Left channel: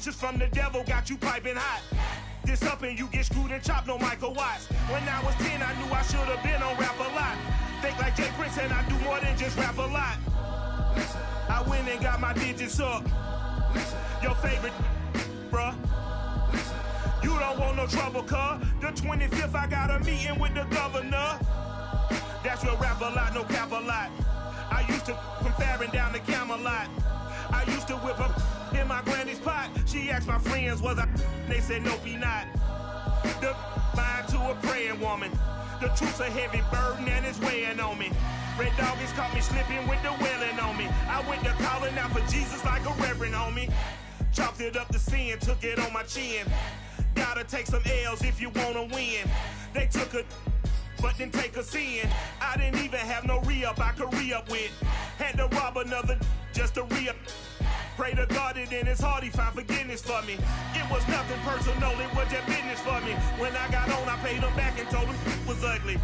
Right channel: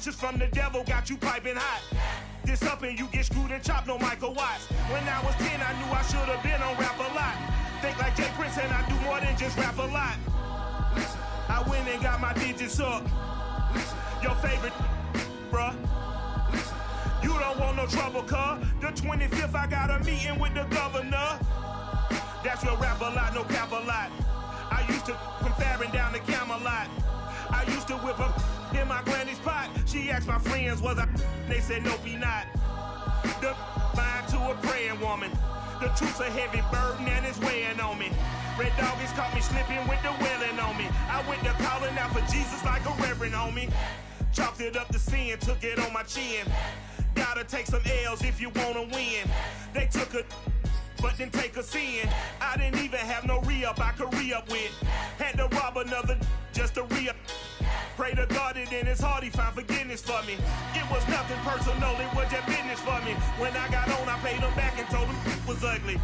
Just from the devil got you piping hot. This up and you get screwed and chopped, no Michael Watts. When I was 10, I knew I should have been on Rap a Lot. Think like Jay Prince and I do more than just rap a lot. I went and got my digits up. Your favorite, bruh. You don't want no trouble, cuz. The 25th, I got a meeting with the governor. That's real rap a lot, no cap a lot. I used to from Farron down to Camelot. I used to whip up in my granny's pot. She asked my friends, was I? They said, nope, he not. The line to a praying woman. The truth's a heavy burden and it's weighing on me. Red Doggies caught me slipping with the wailing on me. I went to calling out for Jesus like a reverend homie. Chopped it up to sin, took it on my chin. Gotta take some L's if you wanna win. They took a but didn't take a sin. I didn't even have no re-up I could re-up with. Had to rob another just to re-up. Pray to God that in his heart he found forgiveness for me. It was nothing personal, it was just business for me. When I got on, I paid him back and told him it was ugly.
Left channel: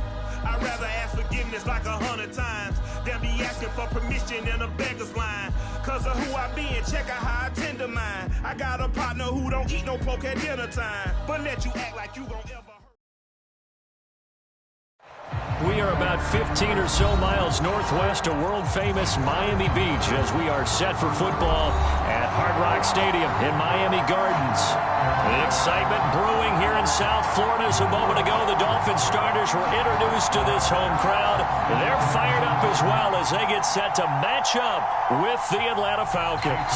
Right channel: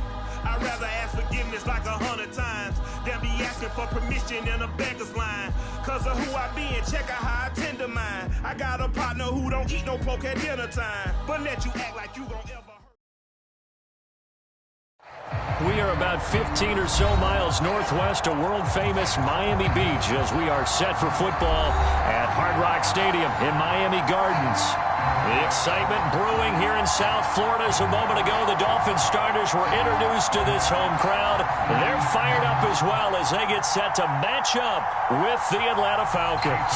I'd rather ask forgiveness like 100 times than be asking for permission in a beggar's line. Cause of who I be and check out how I tend to mine. I got a partner who don't eat no pork at dinner time, but let you act like you gon' ever. We are about 15 or so miles northwest of world-famous Miami Beach as we are set for football at Hard Rock Stadium in Miami Gardens. The excitement brewing here in South Florida. As a moment ago, the Dolphins starters were introduced to this home crowd. They're fired up as well as they get set to match up with the Atlanta Falcons.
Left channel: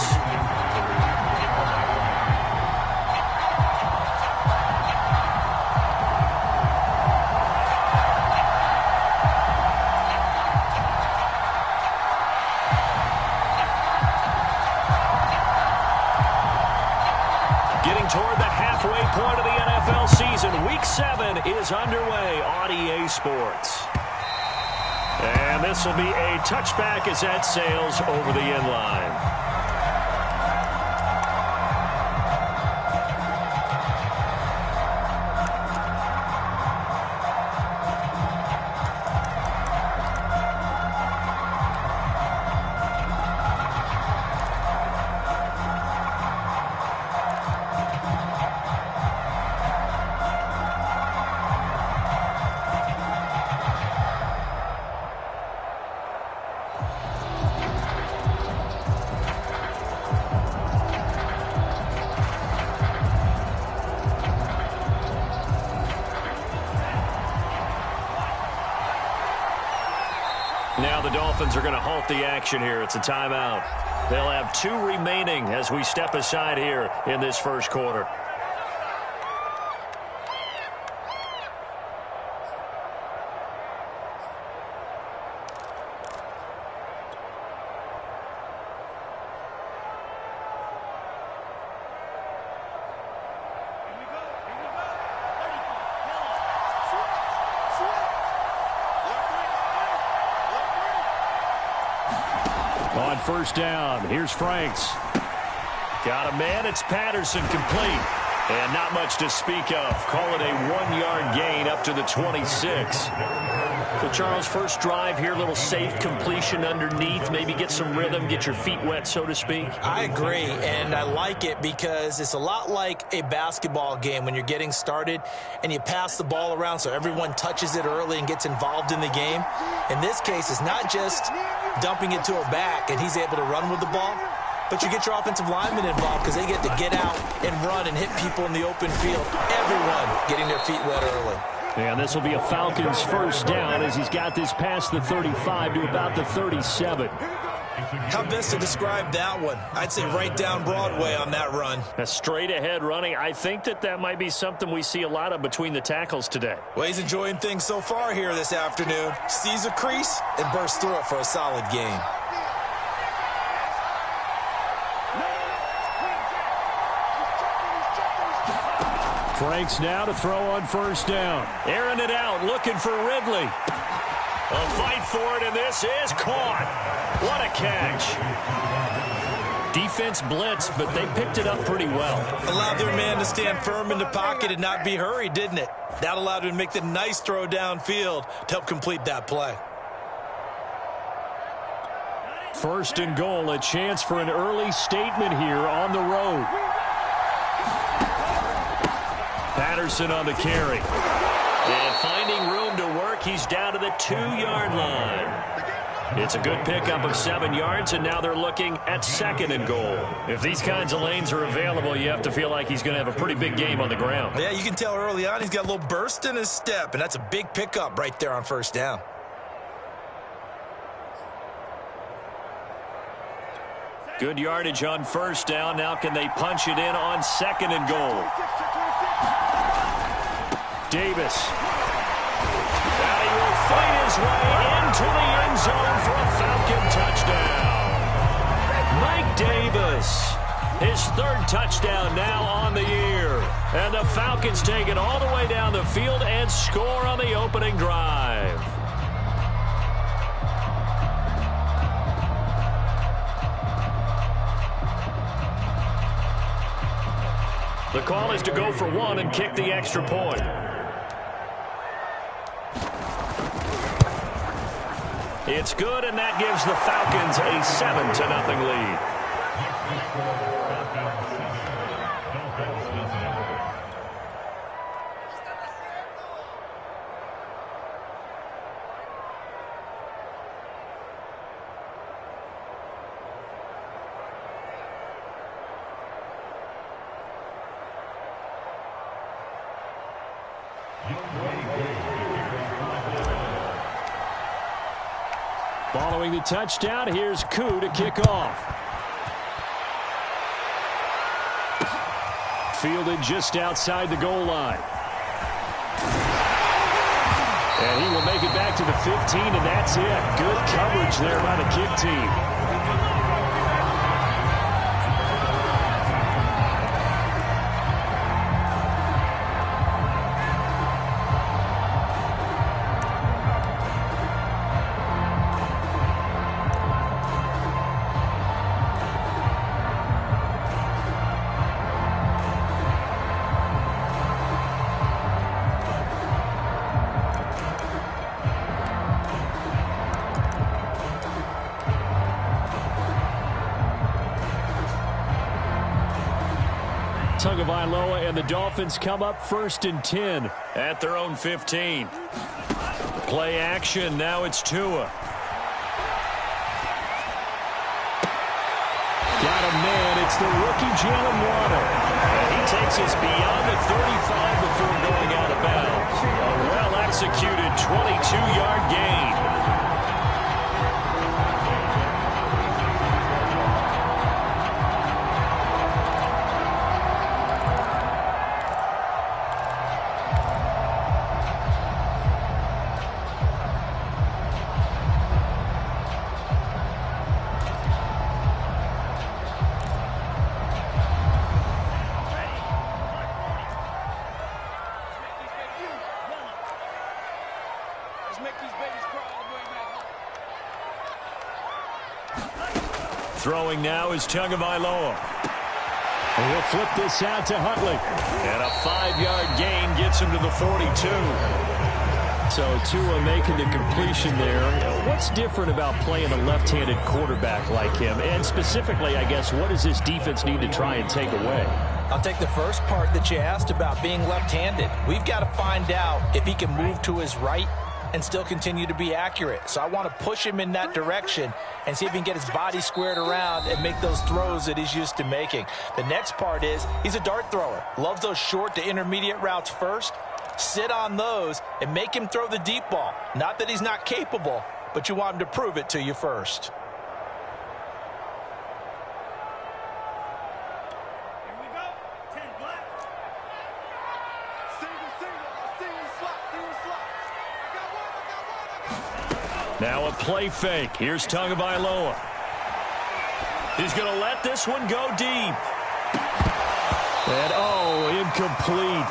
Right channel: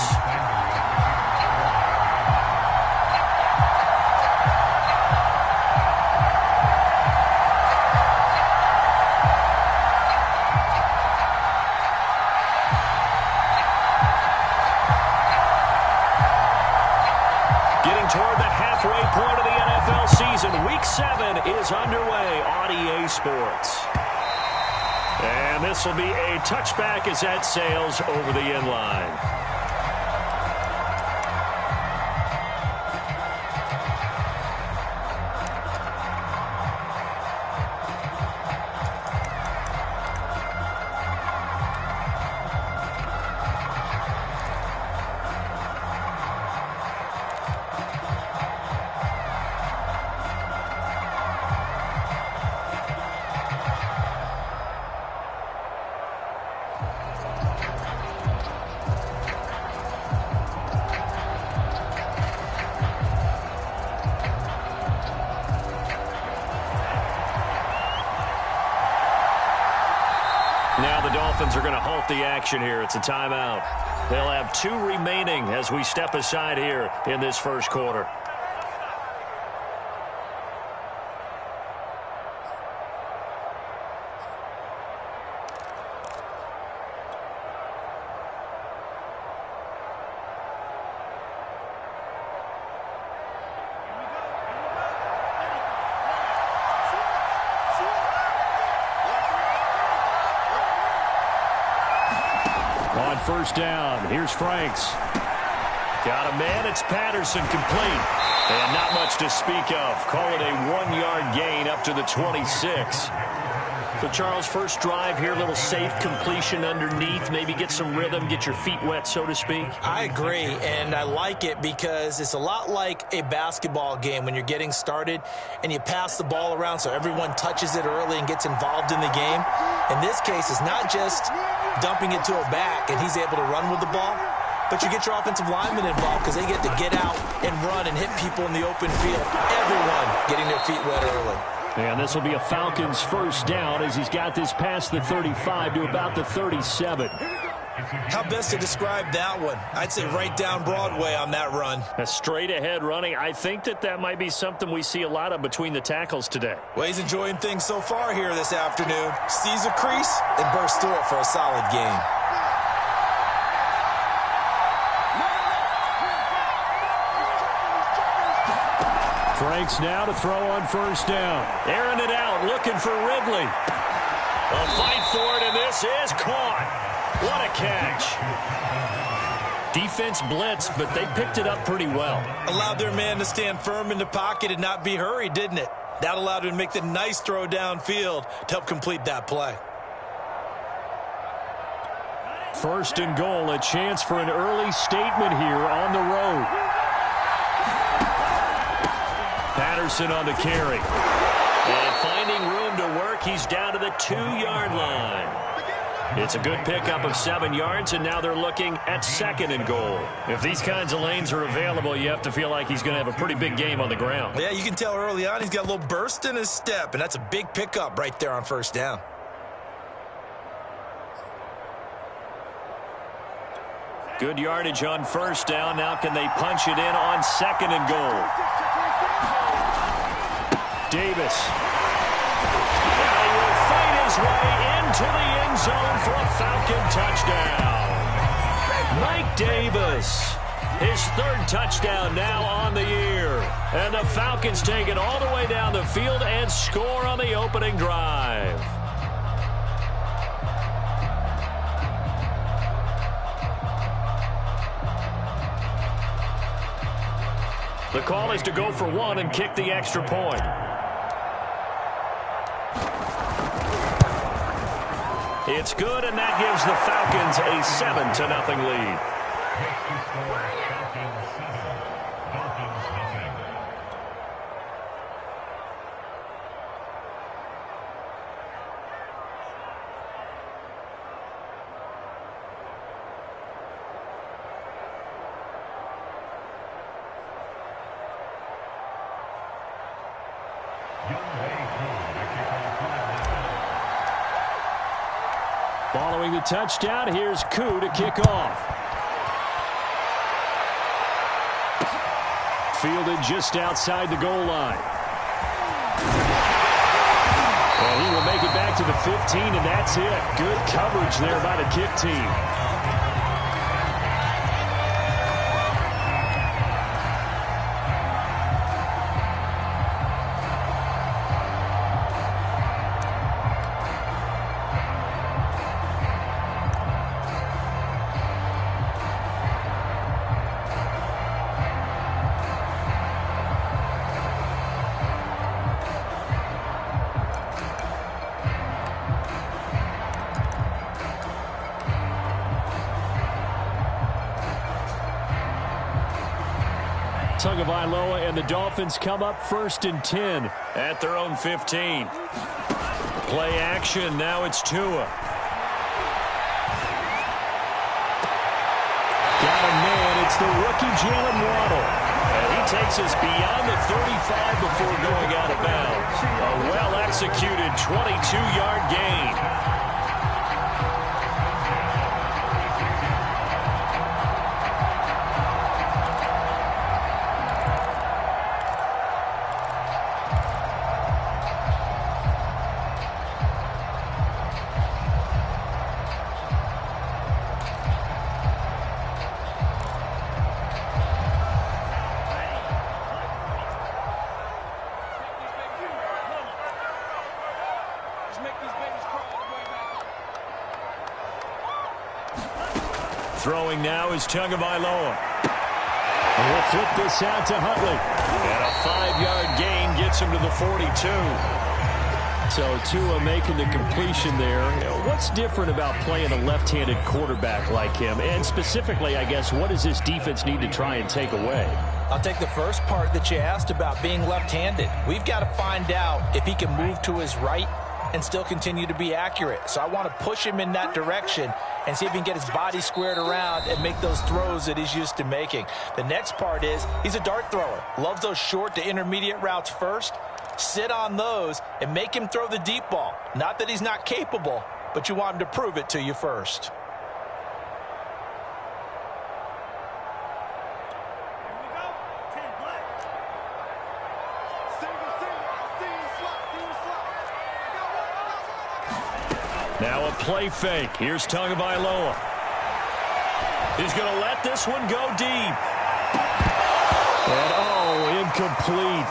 Toward the halfway point of the NFL season. Week 7 is underway on EA Sports. And this will be a touchback as that sails over the end line. Now the Dolphins are going to halt the action here. It's a timeout. They'll have 2 remaining as we step aside here in this first quarter. On first down, here's Franks. Got a man, it's Patterson, complete. And not much to speak of. Call it a 1-yard gain up to the 26. So, Charles, first drive here, a little safe completion underneath. Maybe get some rhythm, get your feet wet, so to speak. I agree, and I like it because it's a lot like a basketball game when you're getting started and you pass the ball around so everyone touches it early and gets involved in the game. In this case, it's not just dumping it to a back and he's able to run with the ball, but you get your offensive linemen involved because they get to get out and run and hit people in the open field. Everyone getting their feet wet early. And this will be a Falcons first down as he's got this past the 35 to about the 37. How best to describe that one? I'd say right down Broadway on that run. A straight ahead running. I think that might be something we see a lot of between the tackles today. Well, he's enjoying things so far here this afternoon. Sees a crease and bursts through it for a solid gain. Franks now to throw on first down. Airing it out, looking for Ridley. A fight for it, and this is caught. What a catch. Defense blitzed, but they picked it up pretty well. Allowed their man to stand firm in the pocket and not be hurried, didn't it? That allowed him to make the nice throw downfield to help complete that play. First and goal, a chance for an early statement here on the road. Jefferson on the carry. And finding room to work, he's down to the 2-yard line. It's a good pickup of 7 yards, and now they're looking at 2nd and goal. If these kinds of lanes are available, you have to feel like he's going to have a pretty big game on the ground. Yeah, you can tell early on he's got a little burst in his step, and that's a big pickup right there on 1st down. Good yardage on 1st down. Now can they punch it in on 2nd and goal? Davis. Now he will fight his way into the end zone for a Falcon touchdown. Mike Davis, his 3rd touchdown now on the year. And the Falcons take it all the way down the field and score on the opening drive. The call is to go for 1 and kick the extra point. It's good, and that gives the Falcons a 7-0 lead. Following the touchdown, here's Koo to kick off. Fielded just outside the goal line. And he will make it back to the 15, and that's it. Good coverage there by the kick team. Tagovailoa and the Dolphins come up 1st and 10 at their own 15. Play action. Now it's Tua. Got a man. It's the rookie Jalen Waddle. And he takes us beyond the 35 before going out of bounds. A well-executed 22-yard gain. Throwing now is Tagovailoa. He'll flip this out to Huntley. And a 5-yard gain gets him to the 42. So Tua making the completion there. What's different about playing a left-handed quarterback like him? And specifically, I guess, what does this defense need to try and take away? I'll take the first part that you asked about being left-handed. We've got to find out if he can move to his right and still continue to be accurate. So I want to push him in that direction and see if he can get his body squared around and make those throws that he's used to making. The next part is he's a dart thrower. Loves those short to intermediate routes first. Sit on those and make him throw the deep ball. Not that he's not capable, but you want him to prove it to you first. Now a play fake. Here's Tagovailoa. He's going to let this one go deep. And, incomplete.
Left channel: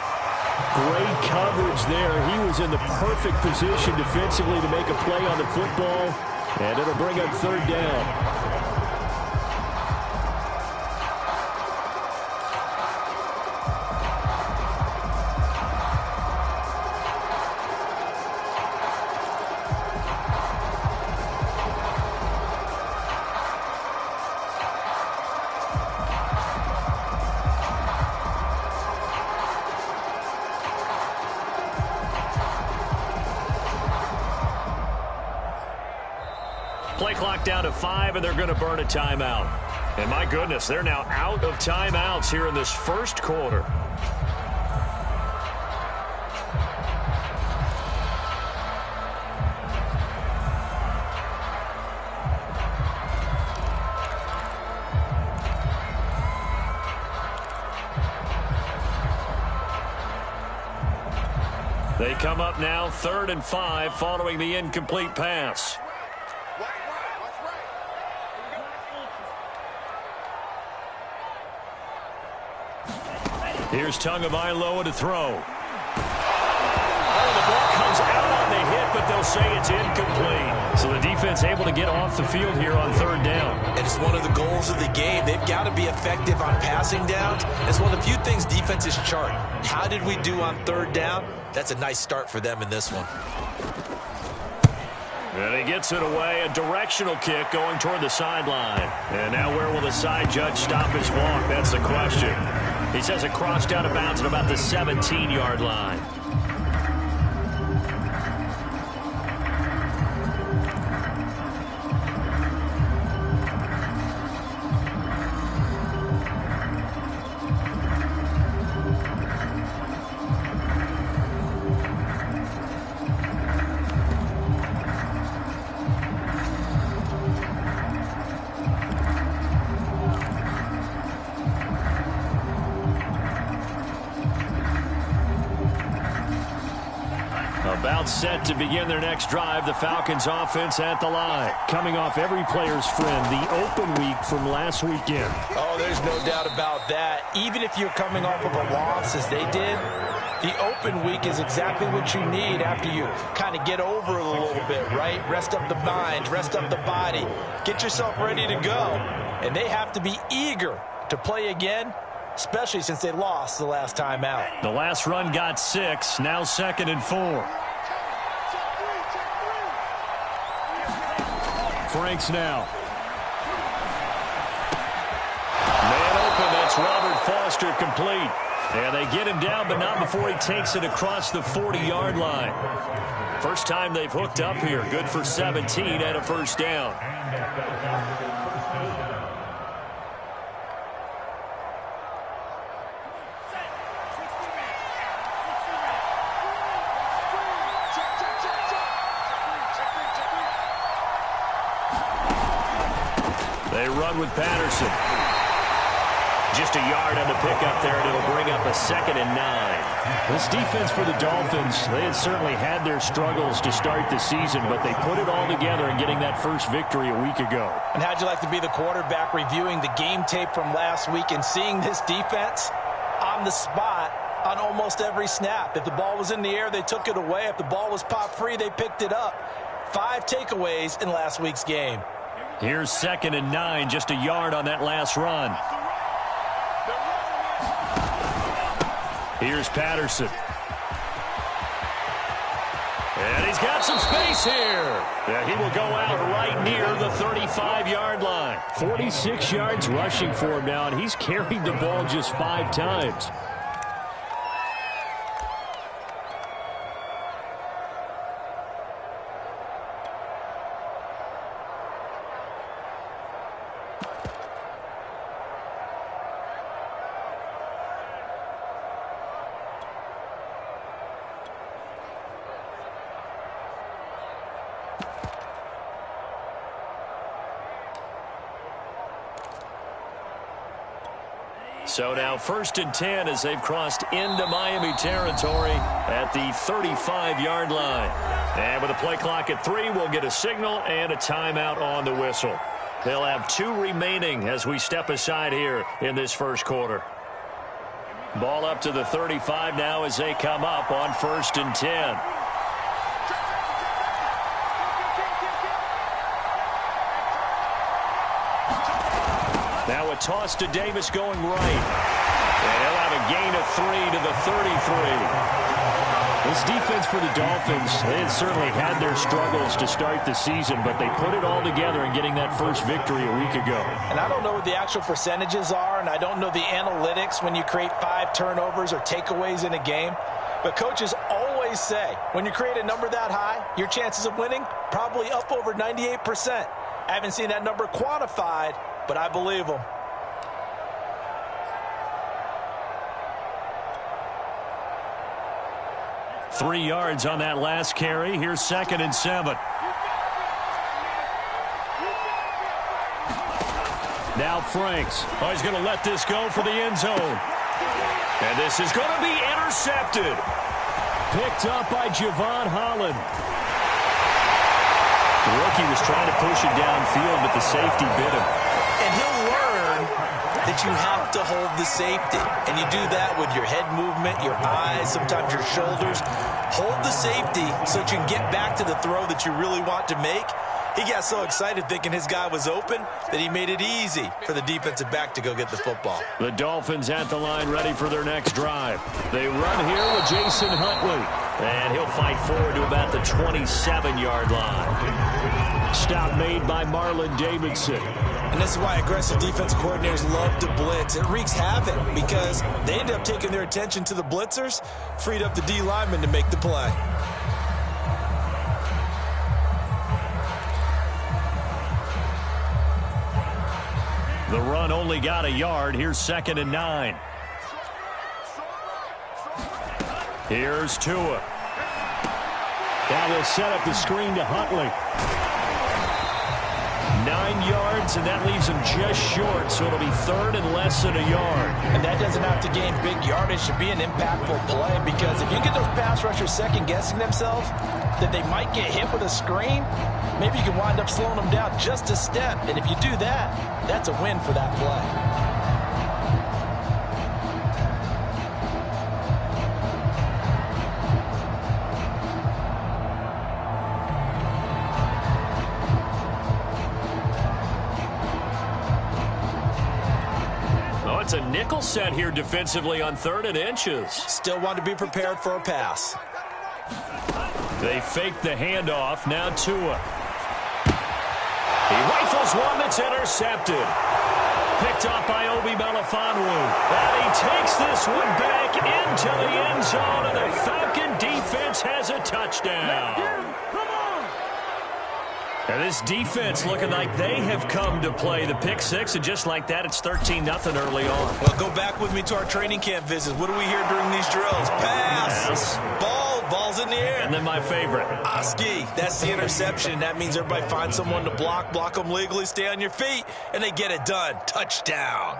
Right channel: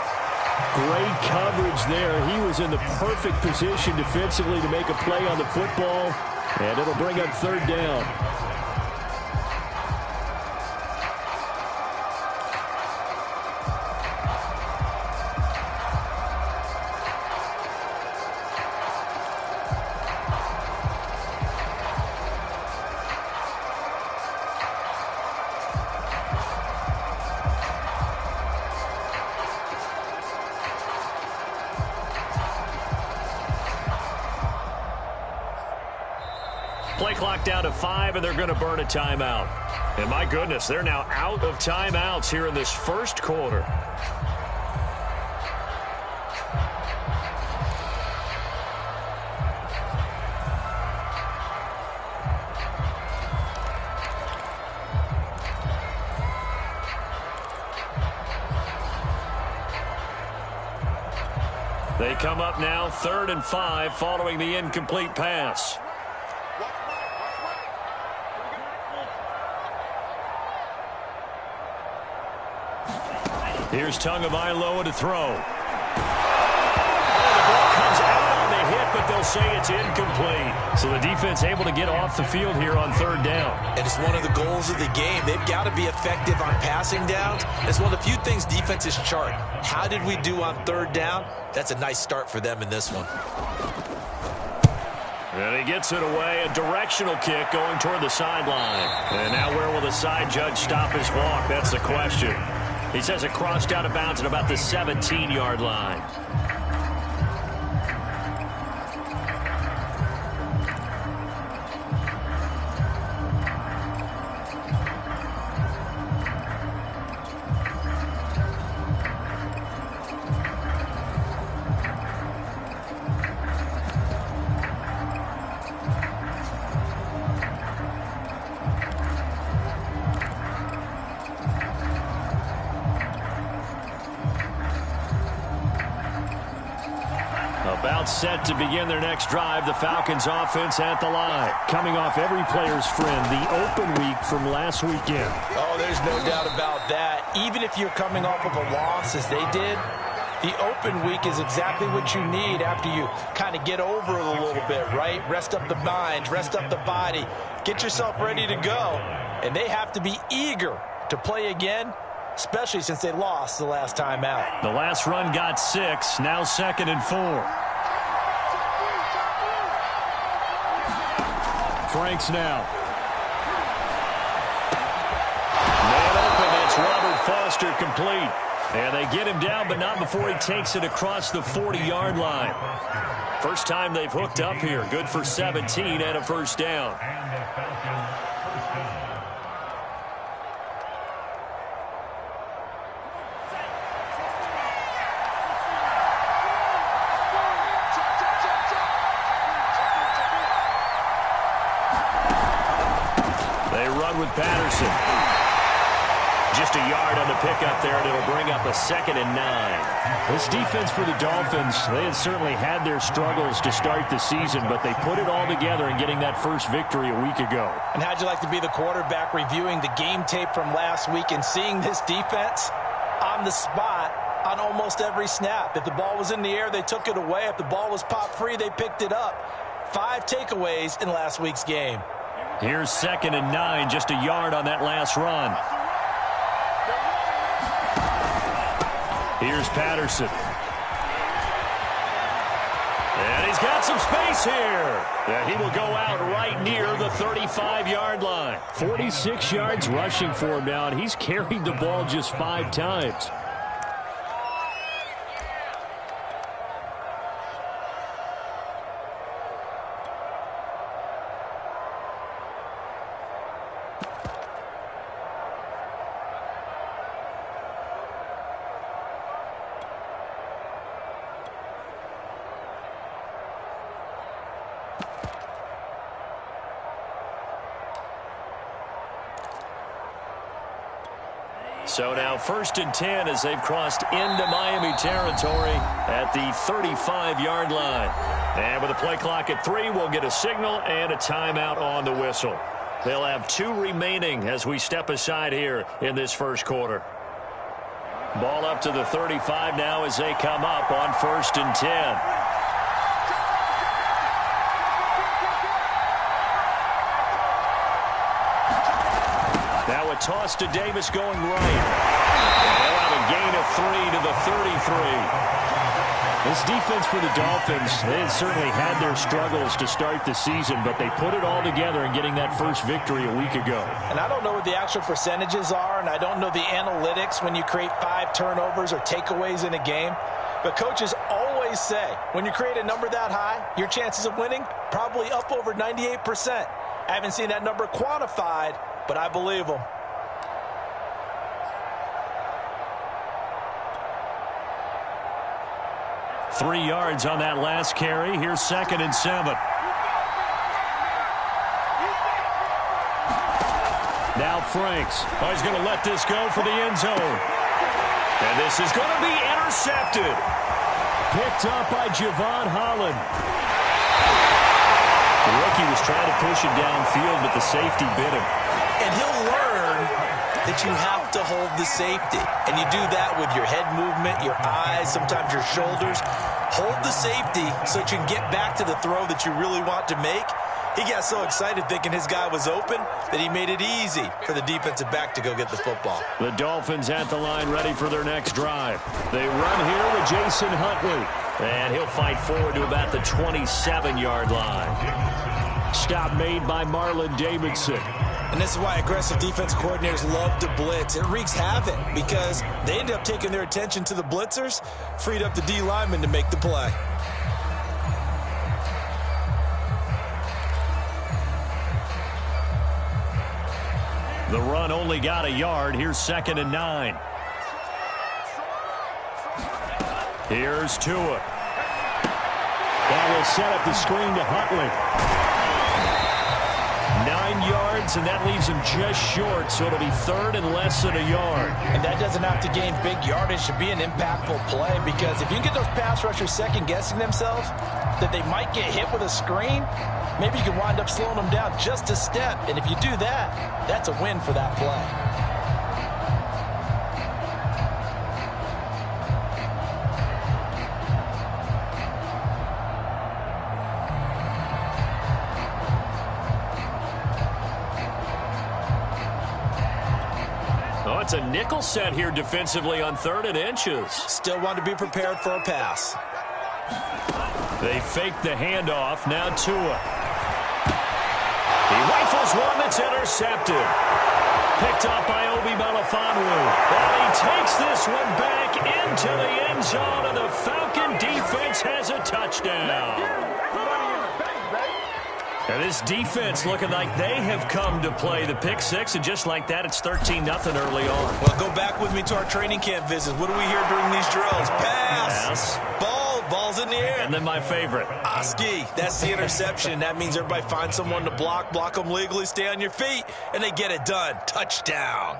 Great coverage there. He was in the perfect position defensively to make a play on the football. And it'll bring up 3rd down. Play clock down to 5, and they're going to burn a timeout. And my goodness, they're now out of timeouts here in this first quarter. They come up now 3rd and 5 following the incomplete pass. Here's Tagovailoa to throw. Oh, the ball comes out on the hit, but they'll say it's incomplete. So the defense able to get off the field here on 3rd down. And it's one of the goals of the game. They've got to be effective on passing downs. It's one of the few things defenses chart. How did we do on 3rd down? That's a nice start for them in this one. And he gets it away, a directional kick going toward the sideline. And now where will the side judge stop his walk? That's the question. He says it crossed out of bounds at about the 17-yard line. About set to begin their next drive. The Falcons offense at the line. Coming off every player's friend, the open week from last weekend. Oh, there's no doubt about that. Even if you're coming off of a loss as they did, the open week is exactly what you need after you kind of get over it a little bit, right? Rest up the mind, rest up the body, get yourself ready to go. And they have to be eager to play again, especially since they lost the last time out. The last run got 6, now 2nd and 4. Franks now. Man open, that's Robert Foster complete. And they get him down, but not before he takes it across the 40-yard line. First time they've hooked up here. Good for 17 and a first down. They run with Patterson. Just a yard on the pickup there, and it'll bring up a 2nd and 9. This defense for the Dolphins, they had certainly had their struggles to start the season, but they put it all together in getting that first victory a week ago. And how'd you like to be the quarterback reviewing the game tape from last week and seeing this defense on the spot on almost every snap? If the ball was in the air, they took it away. If the ball was pop free, they picked it up. 5 takeaways in last week's game. Here's 2nd and 9, just a yard on that last run. Here's Patterson. And he's got some space here. Yeah, he will go out right near the 35-yard line. 46 yards rushing for him now, and he's carried the ball just 5 times. So now 1st and 10 as they've crossed into Miami territory at the 35-yard line. And with a play clock at 3, we'll get a signal and a timeout on the whistle. They'll have 2 remaining as we step aside here in this first quarter. Ball up to the 35 now as they come up on 1st and 10. Now a toss to Davis going right. And he'll have a gain of 3 to the 33. This defense for the Dolphins, they had certainly had their struggles to start the season, but they put it all together in getting that first victory a week ago. And I don't know what the actual percentages are, and I don't know the analytics when you create 5 turnovers or takeaways in a game. But coaches always say, when you create a number that high, your chances of winning probably up over 98%. I haven't seen that number quantified, but I believe him. Three yards on that last carry. Here's 2nd and 7. Now Franks. Oh, he's going to let this go for the end zone. And this is going to be intercepted. Picked up by Javon Holland. The rookie was trying to push it downfield, but the safety bit him. And he'll learn that you have to hold the safety. And you do that with your head movement, your eyes, sometimes your shoulders. Hold the safety so that you can get back to the throw that you really want to make. He got so excited thinking his guy was open that he made it easy for the defensive back to go get the football. The Dolphins at the line ready for their next drive. They run here with Jason Huntley. And he'll fight forward to about the 27-yard line. Stop made by Marlon Davidson. And this is why aggressive defense coordinators love to blitz. It wreaks havoc because they end up taking their attention to the blitzers, freed up the D lineman to make the play. The run only got a yard. Here's 2nd and 9. Here's Tua. Now they'll set up the screen to Huntley. 9 yards, and that leaves him just short, so it'll be 3rd and less than a yard. And that doesn't have to gain big yardage to be an impactful play, because if you can get those pass rushers second-guessing themselves that they might get hit with a screen, maybe you can wind up slowing them down just a step. And if you do that, that's a win for that play. It's a nickel set here defensively on 3rd and inches. Still want to be prepared for a pass. They fake the handoff. Now Tua. He rifles one that's intercepted. Picked up by Obi Melifonwu. And he takes this one back into the end zone, and the Falcon defense has a touchdown. And this defense looking like they have come to play. The pick six, and just like that, it's 13-0 early on. Well, go back with me to our training camp visits. What do we hear during these drills? Pass. Yes. Ball's in the air. And then my favorite. Oski, that's the interception. That means everybody finds someone to block them legally, stay on your feet, and they get it done. Touchdown.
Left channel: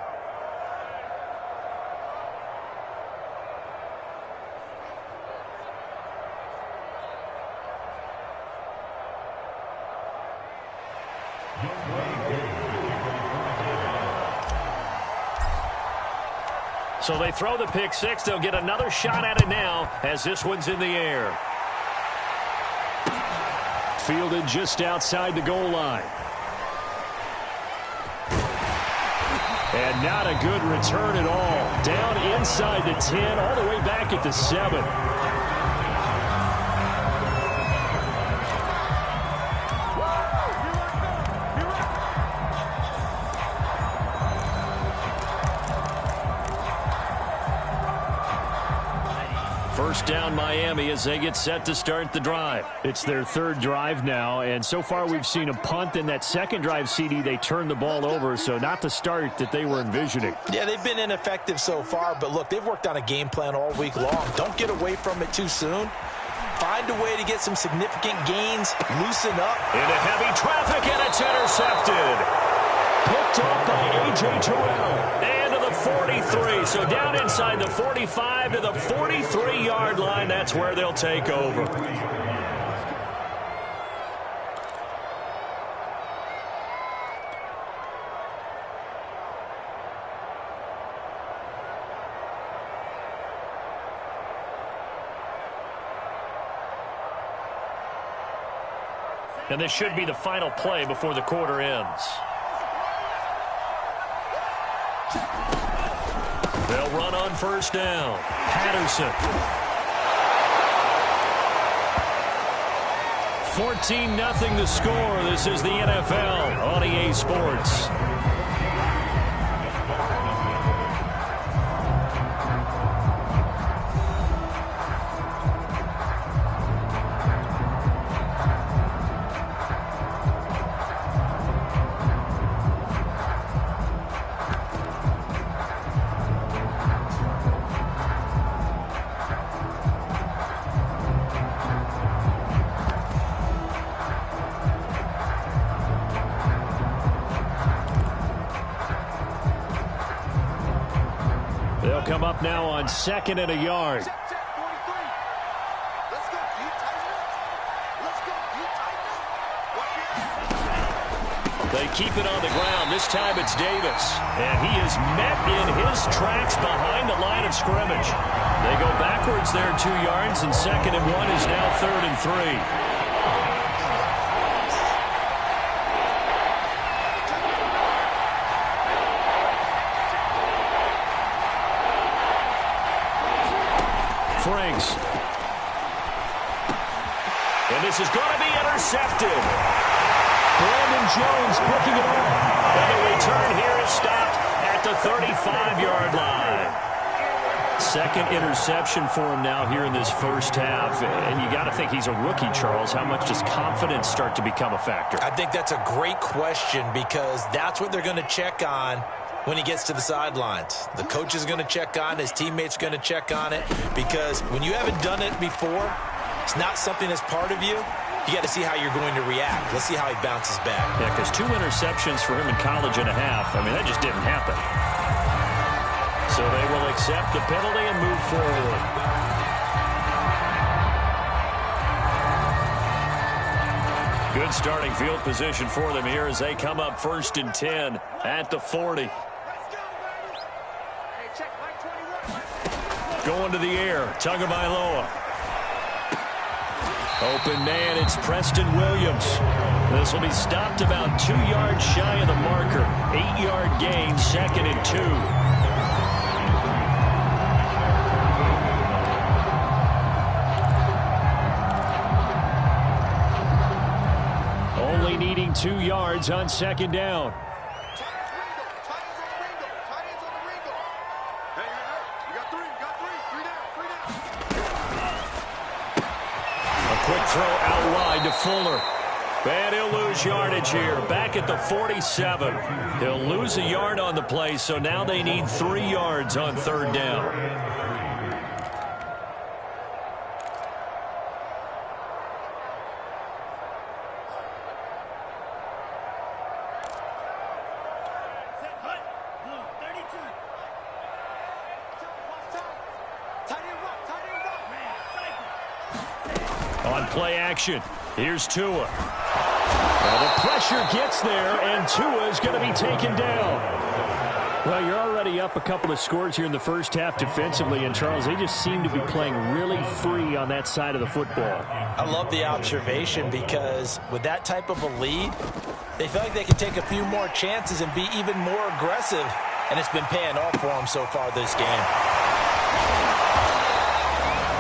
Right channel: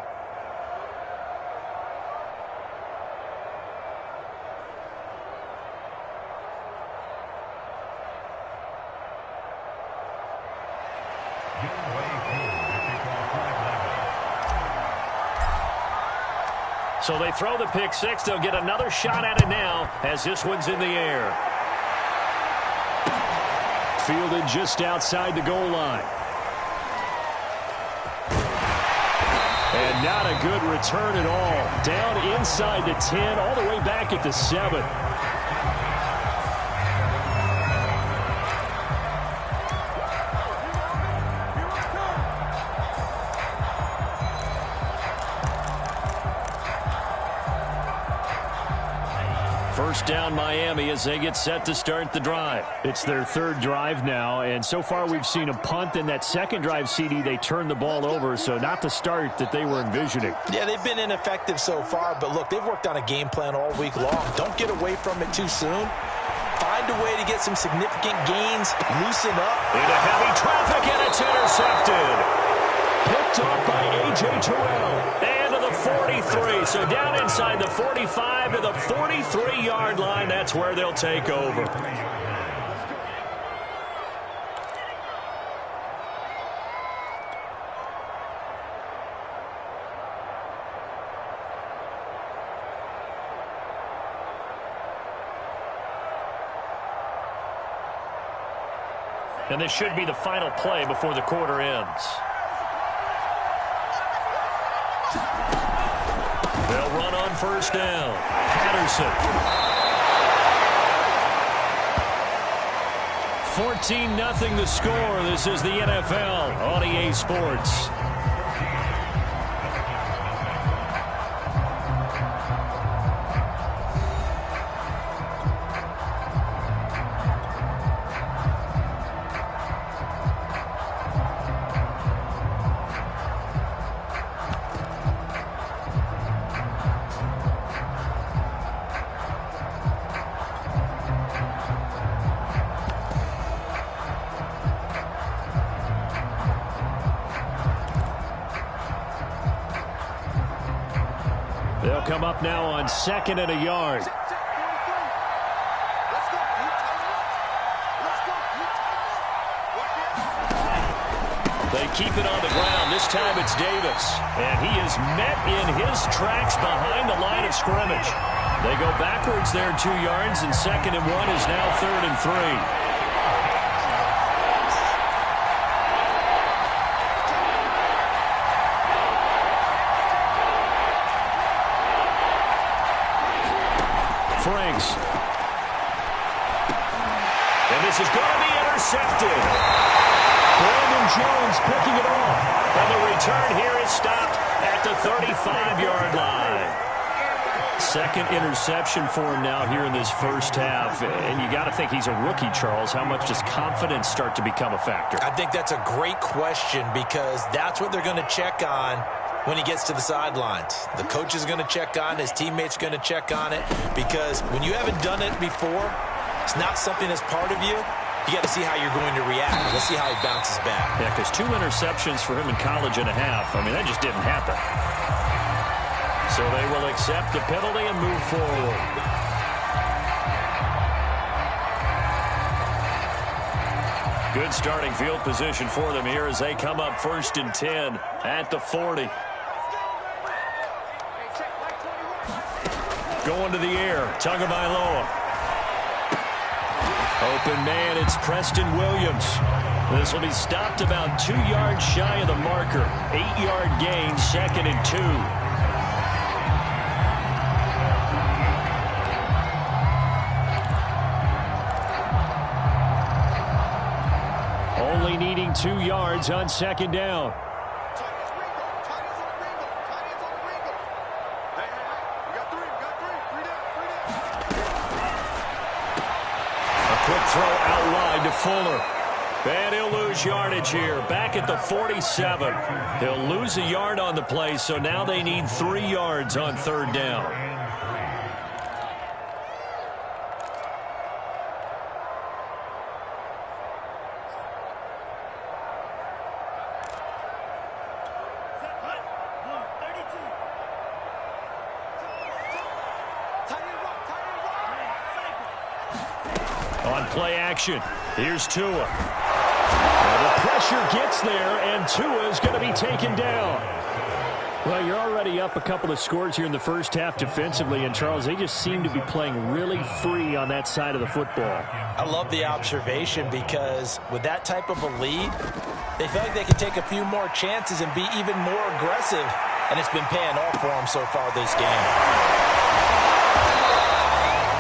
So they throw the pick six. They'll get another shot at it now as this one's in the air. Fielded just outside the goal line. And not a good return at all. Down inside the 10, all the way back at the 7. First down Miami as they get set to start the drive. It's their third drive now, and so far we've seen a punt. In that second drive, CD, they turned the ball over, so not the start that they were envisioning. Yeah, they've been ineffective so far, but look, they've worked on a game plan all week long. Don't get away from it too soon. Find a way to get some significant gains, loosen up. Into heavy traffic, and it's intercepted. Picked up by A.J. Terrell. And to the 43. So down inside the 45 to the 43-yard line. That's where they'll take over. And this should be the final play before the quarter ends. They'll run on first down. Patterson. 14-0 the score. This is the NFL on EA Sports. come up now on 2nd and a yard. They keep it on the ground. This time it's Davis. And he is met in his tracks behind the line of scrimmage. They go backwards there 2 yards, and 2nd and 1 is now 3rd and 3. Franks. And this is going to be intercepted. Brandon Jones picking it off. And the return here is stopped at the 35-yard line. 2nd interception for him now here in this first half. And you got to think he's a rookie, Charles. How much does confidence start to become a factor? I think that's a great question because that's what they're going to check on when he gets to the sidelines. The coach is going to check on it. His teammates are going to check on it because when you haven't done it before, it's not something that's part of you. You got to see how you're going to react. Let's see how he bounces back. Yeah, because 2 interceptions for him in college and a half. I mean, that just didn't happen. So they will accept the penalty and move forward. Good starting field position for them here as they come up 1st and 10 at the 40. Going to the air, Tagovailoa. Open man, it's Preston Williams. This will be stopped about 2 yards shy of the marker. 8-yard gain, 2nd and 2. Only needing 2 yards on 2nd down. Quick throw out wide to Fuller. And he'll lose yardage here. Back at the 47. He'll lose a yard on the play, so now they need 3 yards on 3rd down. On play action, here's Tua. The pressure gets there, and Tua is going to be taken down. Well, you're already up a couple of scores here in the first half defensively, and Charles, they just seem to be playing really free on that side of the football. I love the observation because with that type of a lead, they feel like they can take a few more chances and be even more aggressive, and it's been paying off for them so far this game.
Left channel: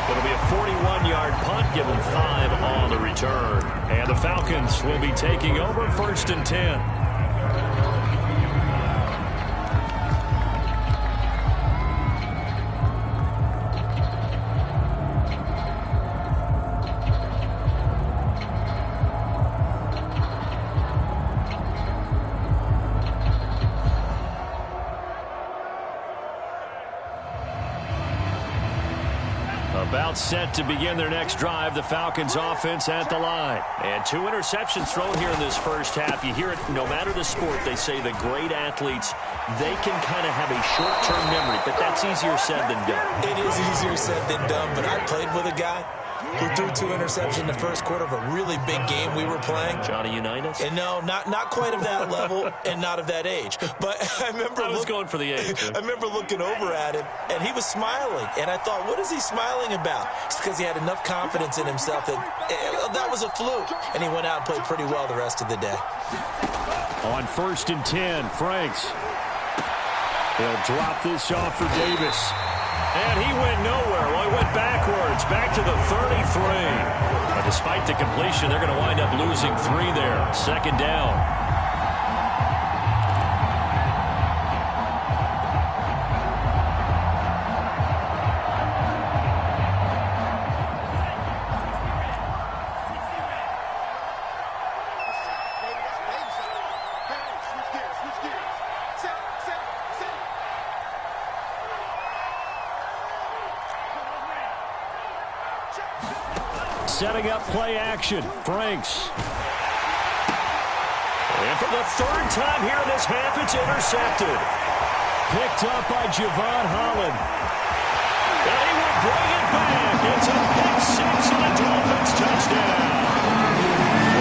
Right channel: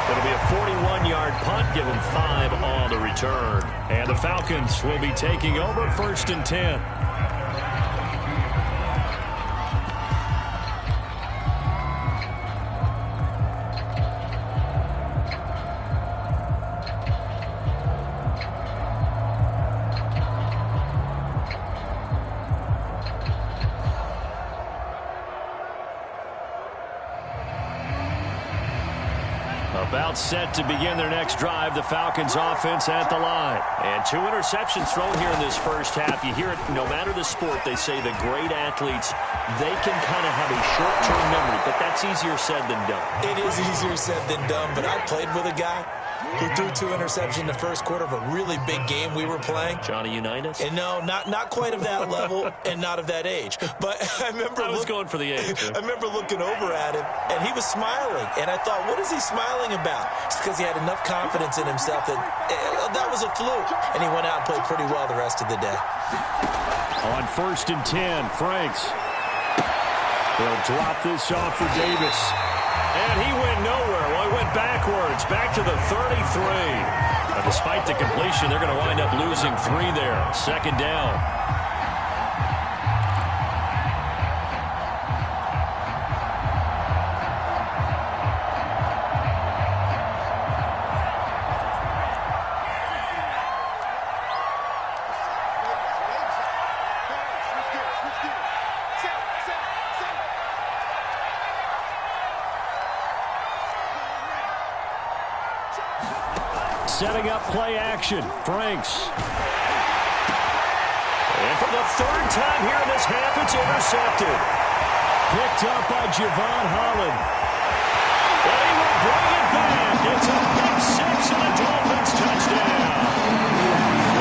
It'll be a 41-yard punt, give them 5 on the return. And the Falcons will be taking over 1st and 10. About set to begin their next drive, the Falcons offense at the line. And 2 interceptions thrown here in this first half. You hear it, no matter the sport, they say the great athletes, they can kind of have a short-term memory, but that's easier said than done. It is easier said than done, but I played with a guy who threw 2 interceptions in the first quarter of a really big game we were playing. Johnny Unitas? And no, not quite of that level and not of that age. But I remember going for the age. I remember looking over at him, and he was smiling. And I thought, what is he smiling about? It's because he had enough confidence in himself that that was a fluke. And he went out and played pretty well the rest of the day. On 1st and 10, Franks. He'll drop this off for Davis. And he went nowhere. Well, he went backwards, back to the 33. But despite the completion, they're going to wind up losing 3 there. 2nd down. Setting up play action. Franks. And for the 3rd time here in this half, it's intercepted. picked up by Javon Holland. And he will bring it back. It's a pick six and a Dolphins touchdown.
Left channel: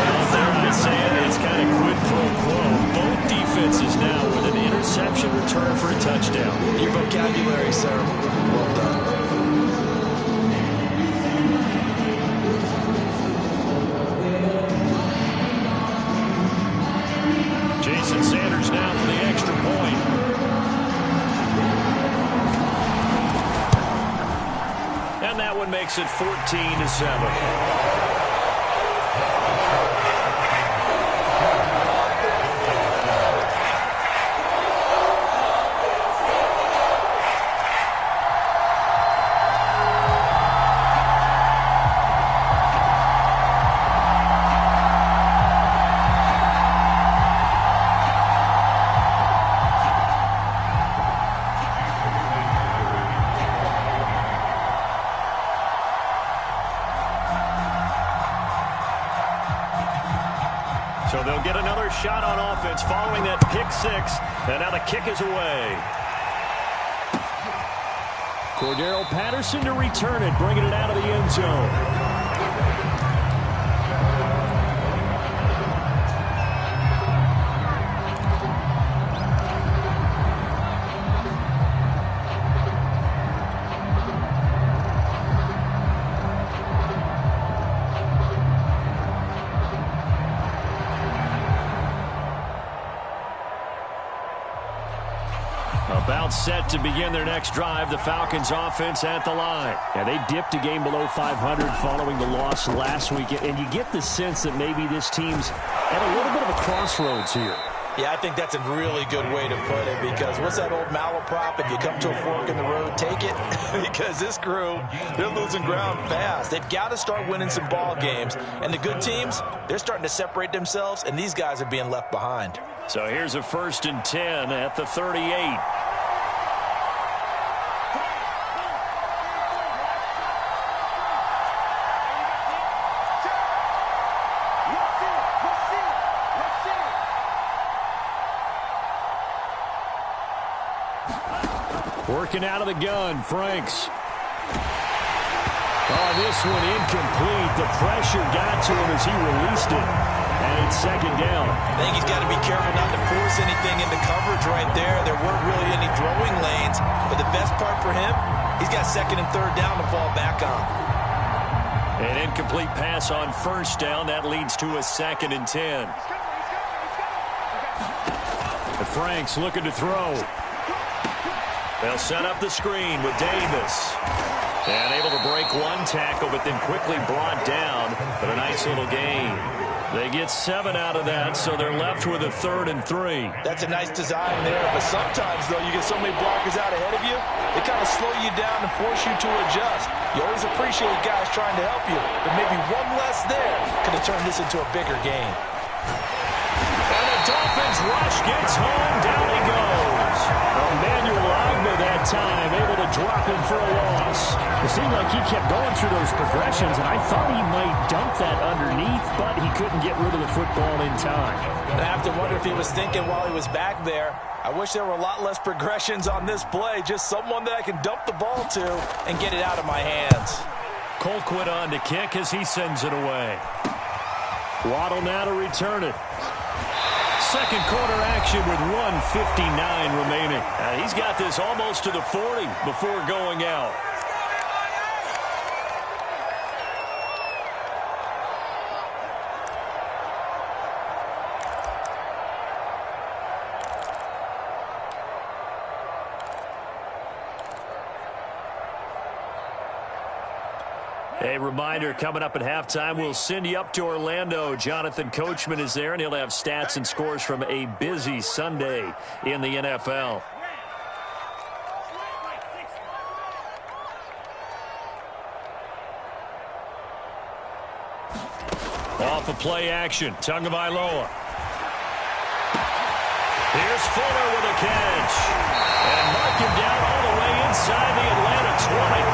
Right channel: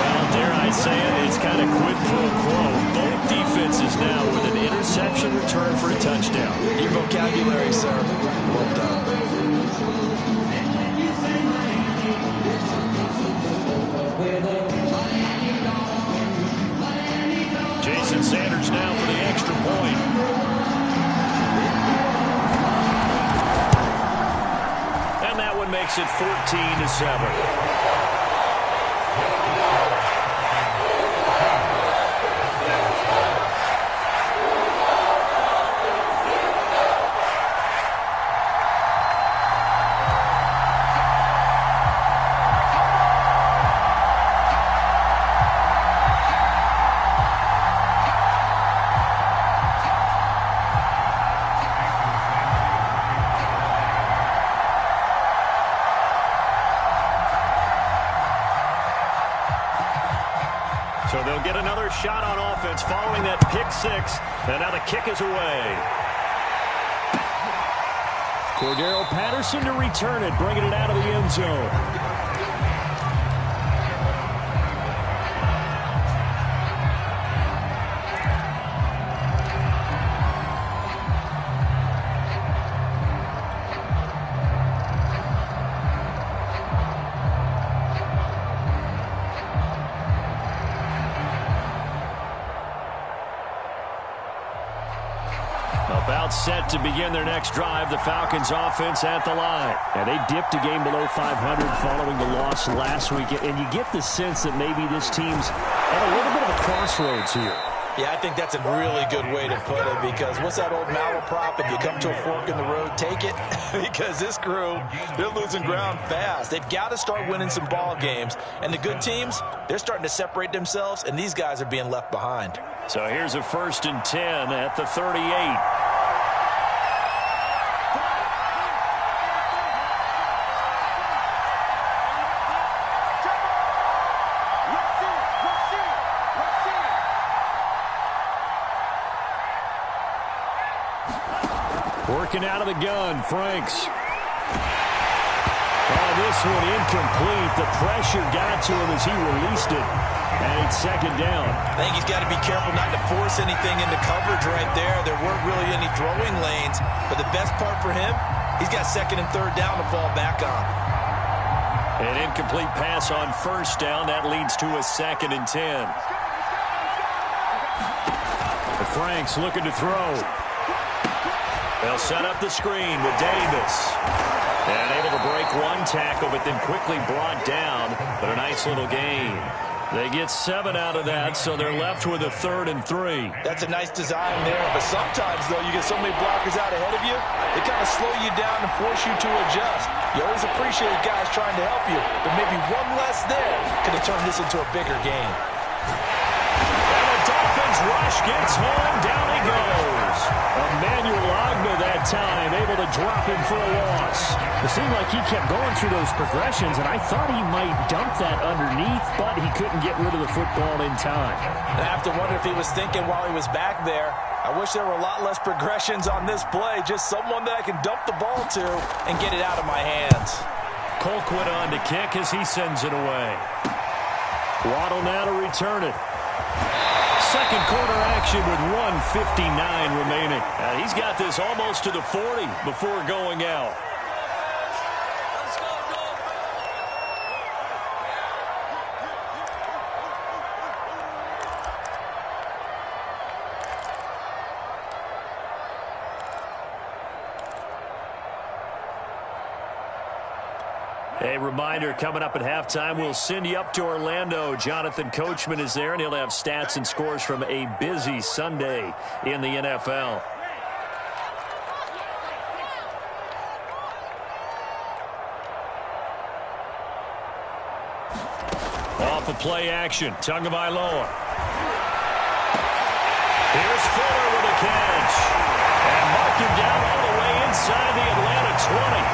Well, dare I say it, it's kind of quid pro quo. Both defenses now with an interception return for a touchdown. Your vocabulary, sir. Well done. Jason Sanders now for the extra point. And that one makes it 14-7. So they'll get another shot on offense following that pick six. And now the kick is away. Cordero Patterson to return it, bringing it out of the end zone. About set to begin their next drive, the Falcons offense at the line. And they dipped a game below 500 following the loss last week. And you get the sense that maybe this team's at a little bit of a crossroads here. Yeah, I think that's a really good way to put it, because what's that old malaprop? If you come to a fork in the road, take it. Because this crew, they're losing ground fast. They've got to start winning some ball games. And the good teams, they're starting to separate themselves, and these guys are being left behind. So here's a 1st and 10 at the 38. Working out of the gun, Franks. Oh, this one incomplete. The pressure got to him as he released it. And it's 2nd down. I think he's got to be careful not to force anything into coverage right there. There weren't really any throwing lanes. But the best part for him, he's got 2nd and 3rd down to fall back on. An incomplete pass on 1st down. That leads to a 2nd and 10. Franks looking to throw. They'll set up the screen with Davis. And able to break one tackle, but then quickly brought down. But a nice little gain. They get 7 out of that, so they're left with a 3rd and 3. That's a nice design there. But sometimes, though, you get so many blockers out ahead of you, they kind of slow you down and force you to adjust. You always appreciate guys trying to help you. But maybe one less there could have turned this into a bigger game. And the Dolphins rush gets home. Down he goes. Emmanuel Ogbah that time able to drop him for a loss. It seemed like he kept going through those progressions, and I thought he might dump that underneath, but he couldn't get rid of the football in time. And I have to wonder if he was thinking while he was back there, I wish there were a lot less progressions on this play. Just someone that I can dump the ball to and get it out of my hands. Colquitt on to kick as he sends it away. Waddle now to return it. 2nd quarter action with 1:59 remaining. He's got this almost to the 40 before going out. A reminder, coming up at halftime, we'll send you up to Orlando. Jonathan Coachman is there, and he'll have stats and scores from a busy Sunday in the NFL. Off of play action, Tagovailoa. Here's Fuller with a catch. And mark him down all the way inside the Atlanta 20.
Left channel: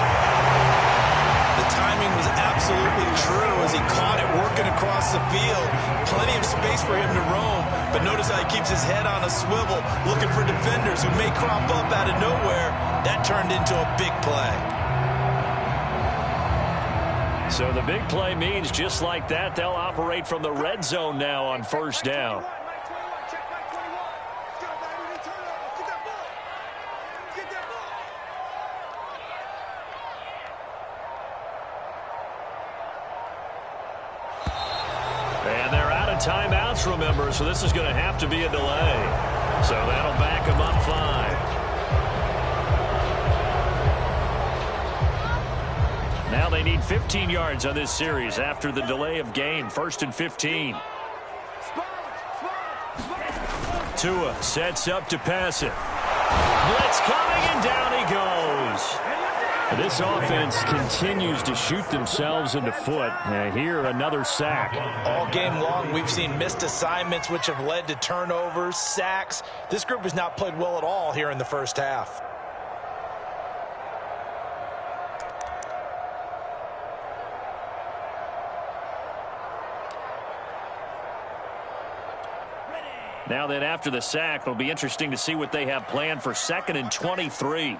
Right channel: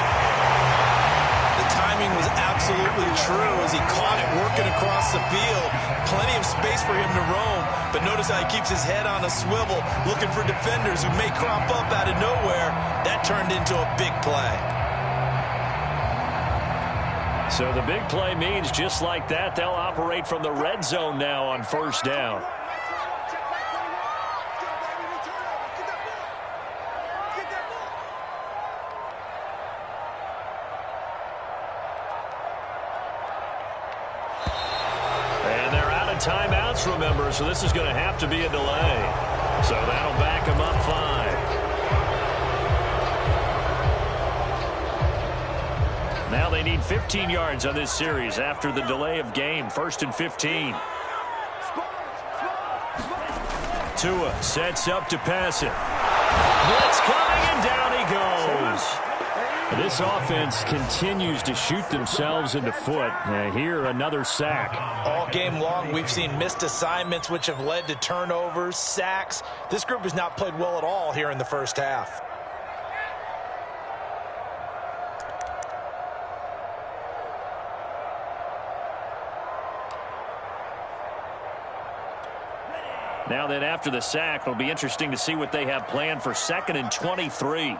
The time timing was absolutely true as he caught it working across the field. Plenty of space for him to roam, but notice how he keeps his head on a swivel, looking for defenders who may crop up out of nowhere. That turned into a big play. So the big play means just like that, they'll operate from the red zone now on first down. And they're out of timeouts, remember, so this is going to have to be a delay. So that'll back them up 5. Now they need 15 yards on this series after the delay of game. 1st and 15. Tua sets up to pass it. Blitz coming, and down he goes. This offense continues to shoot themselves in the foot. Here, another sack. All game long, we've seen missed assignments, which have led to turnovers, sacks. This group has not played well at all here in the first half. Now then, after the sack, it'll be interesting to see what they have planned for 2nd and 23.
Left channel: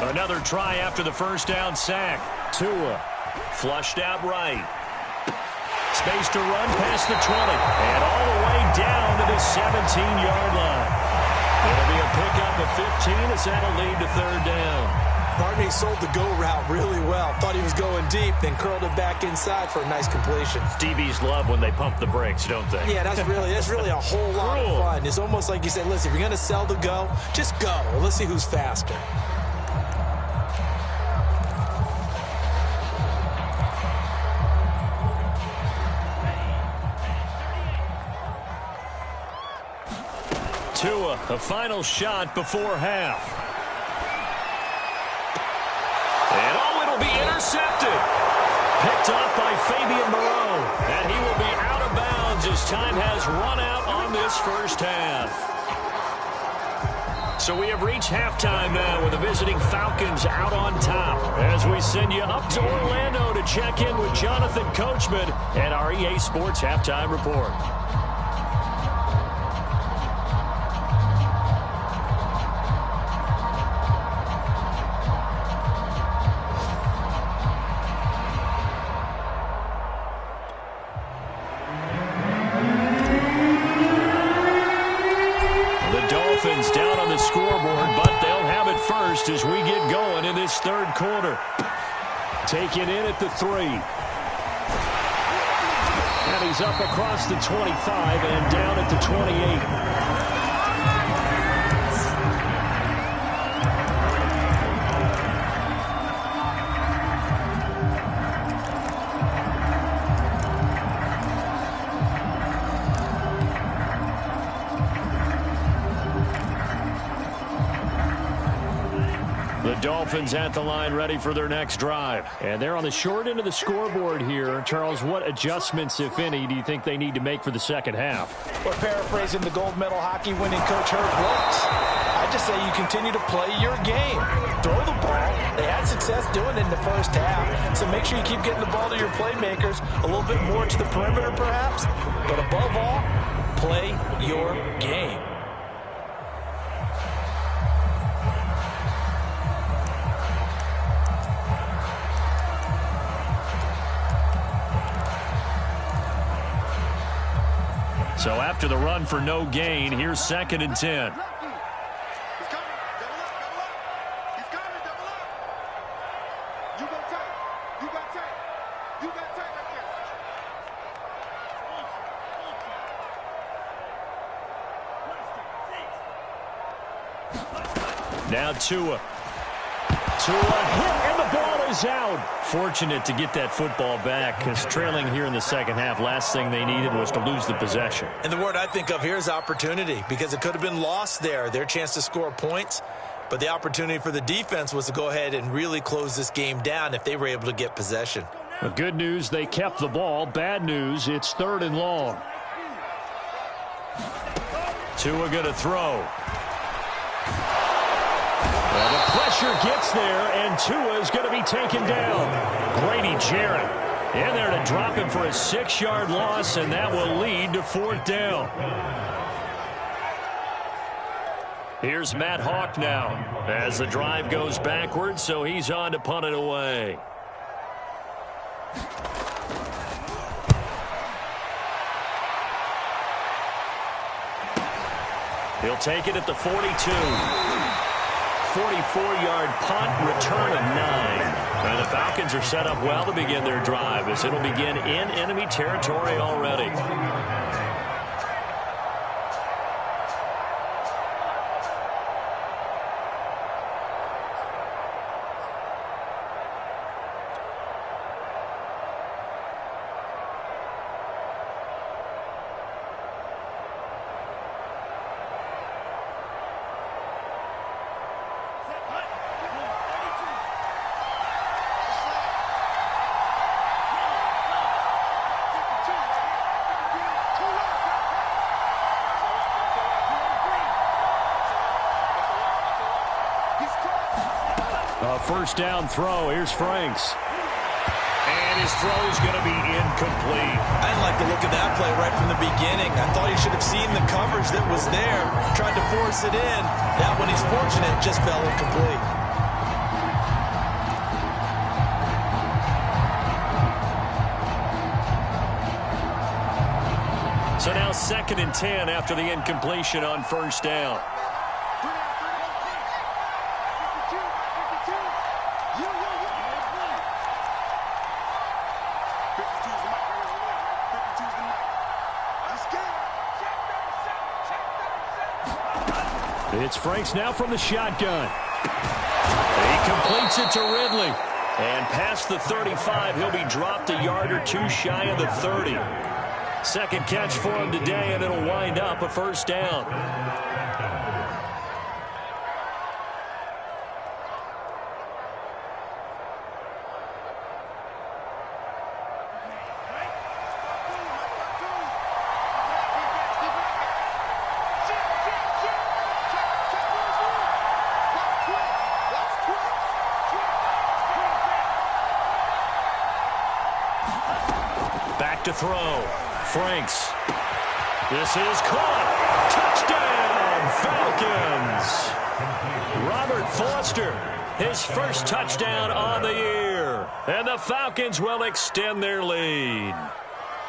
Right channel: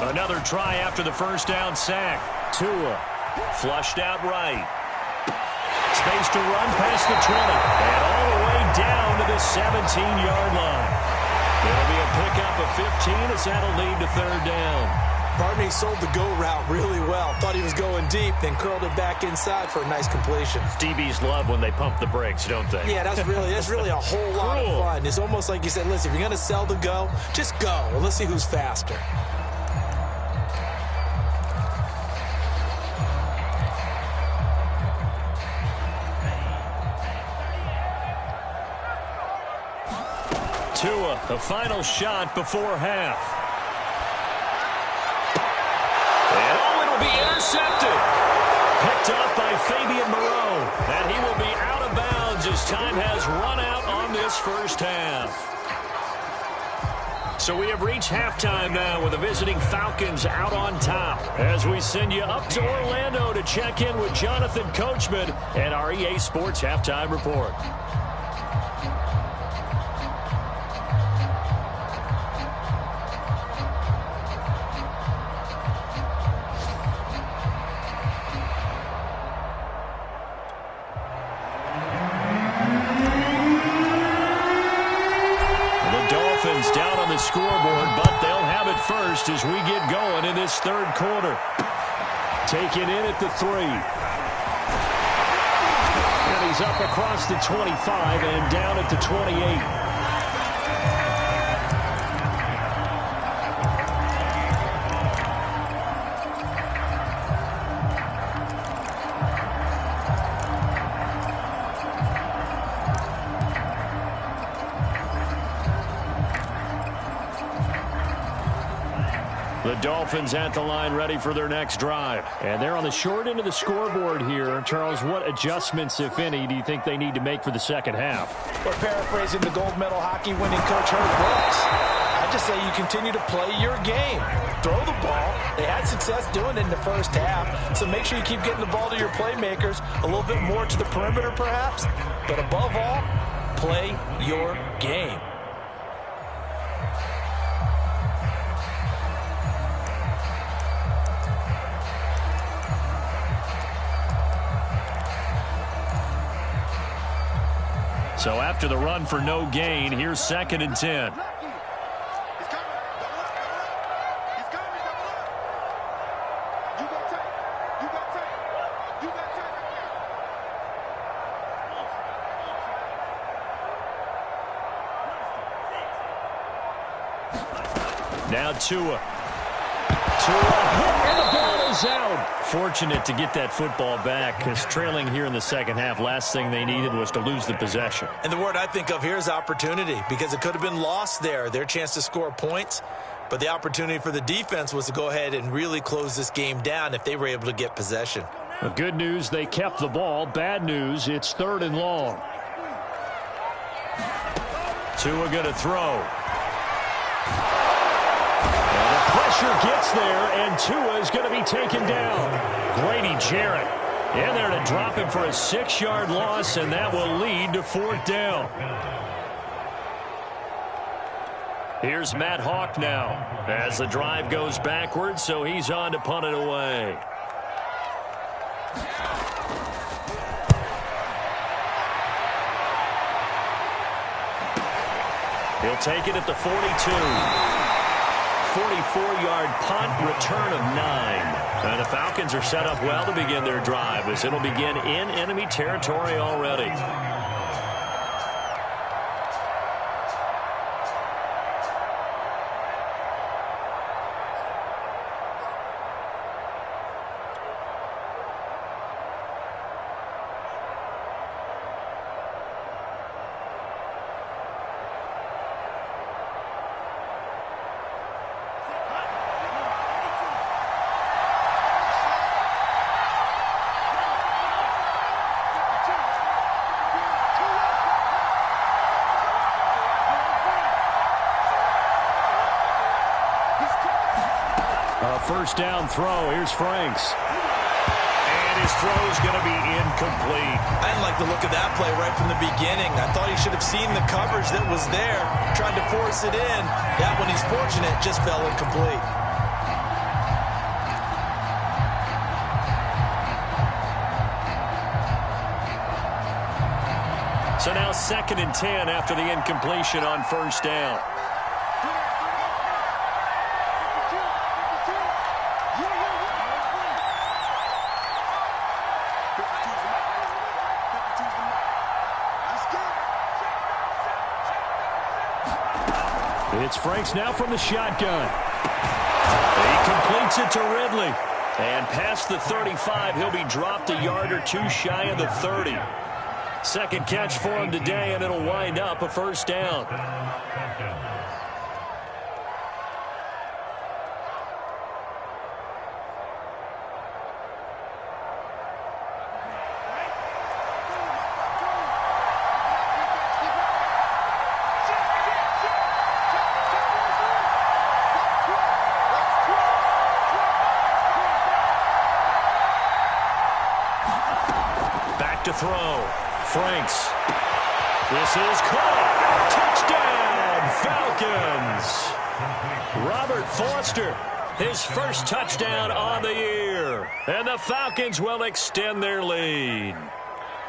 Another try after the first down sack. Tua flushed out right. Space to run past the 20. And all the way down to the 17-yard line. It'll be a pickup of 15 as that'll lead to 3rd down. Pardon me, sold the go route really well. Thought he was going deep, then curled it back inside for a nice completion. DBs love when they pump the brakes, don't they? Yeah, that's really a whole lot of fun. It's almost like you said, listen, if you're going to sell the go, just go. And let's see who's faster. Tua, a final shot before half. And it'll be intercepted. Picked up by Fabian Moreau. And he will be out of bounds as time has run out on this first half. So we have reached halftime now with the visiting Falcons out on top. As we send you up to Orlando to check in with Jonathan Coachman and our EA Sports Halftime Report. Down on the scoreboard, but they'll have it first as we get going in this 3rd quarter. Taken in at the 3. And he's up across the 25 and down at the 28. The Dolphins at the line ready for their next drive. And they're on the short end of the scoreboard here. Charles, what adjustments, if any, do you think they need to make for the second half? We're paraphrasing the gold medal hockey winning coach Herb Brooks. I just say you continue to play your game. Throw the ball. They had success doing it in the first half. So make sure you keep getting the ball to your playmakers. A little bit more to the perimeter perhaps. But above all, play your game. So after the run for no gain, here's 2nd and 10. Now Tua. Tua hit, and the ball is out. Fortunate to get that football back, because trailing here in the second half, last thing they needed was to lose the possession. And the word I think of here is opportunity, because it could have been lost there, their chance to score points. But the opportunity for the defense was to go ahead and really close this game down if they were able to get possession. Well, good news, they kept the ball. Bad news, it's 3rd and long. Tua going to throw. And the pressure gets there, and Tua is going to be taken down. Grady Jarrett in there to drop him for a 6-yard loss, and that will lead to 4th down. Here's Matt Hawk now as the drive goes backwards, so he's on to punt it away. He'll take it at the 42. 44-yard punt, return of 9. And the Falcons are set up well to begin their drive as it'll begin in enemy territory already. First down throw. Here's Franks. And his throw's going to be incomplete. I didn't like the look of that play right from the beginning. I thought he should have seen the coverage that was there, tried to force it in. That one, he's fortunate, just fell incomplete. So now 2nd and 10 after the incompletion on first down. It's Franks now from the shotgun. He completes it to Ridley. And past the 35, he'll be dropped a yard or two shy of the 30. Second catch for him today, and it'll wind up a first down. Back to throw. Franks. This is caught. Touchdown, Falcons. Robert Foster, his first touchdown on the year. And the Falcons will extend their lead.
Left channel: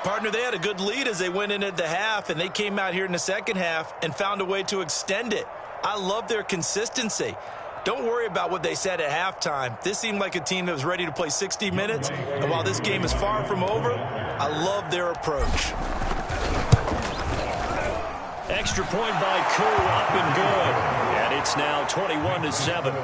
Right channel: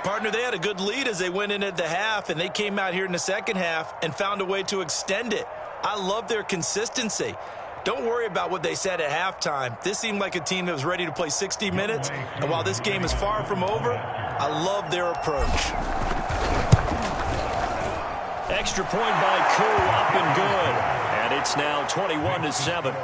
Partner, they had a good lead as they went in at the half, and they came out here in the second half and found a way to extend it. I love their consistency. Don't worry about what they said at halftime. This seemed like a team that was ready to play 60 minutes, and while this game is far from over, I love their approach. Extra point by Koo, up and good. And it's now 21-7.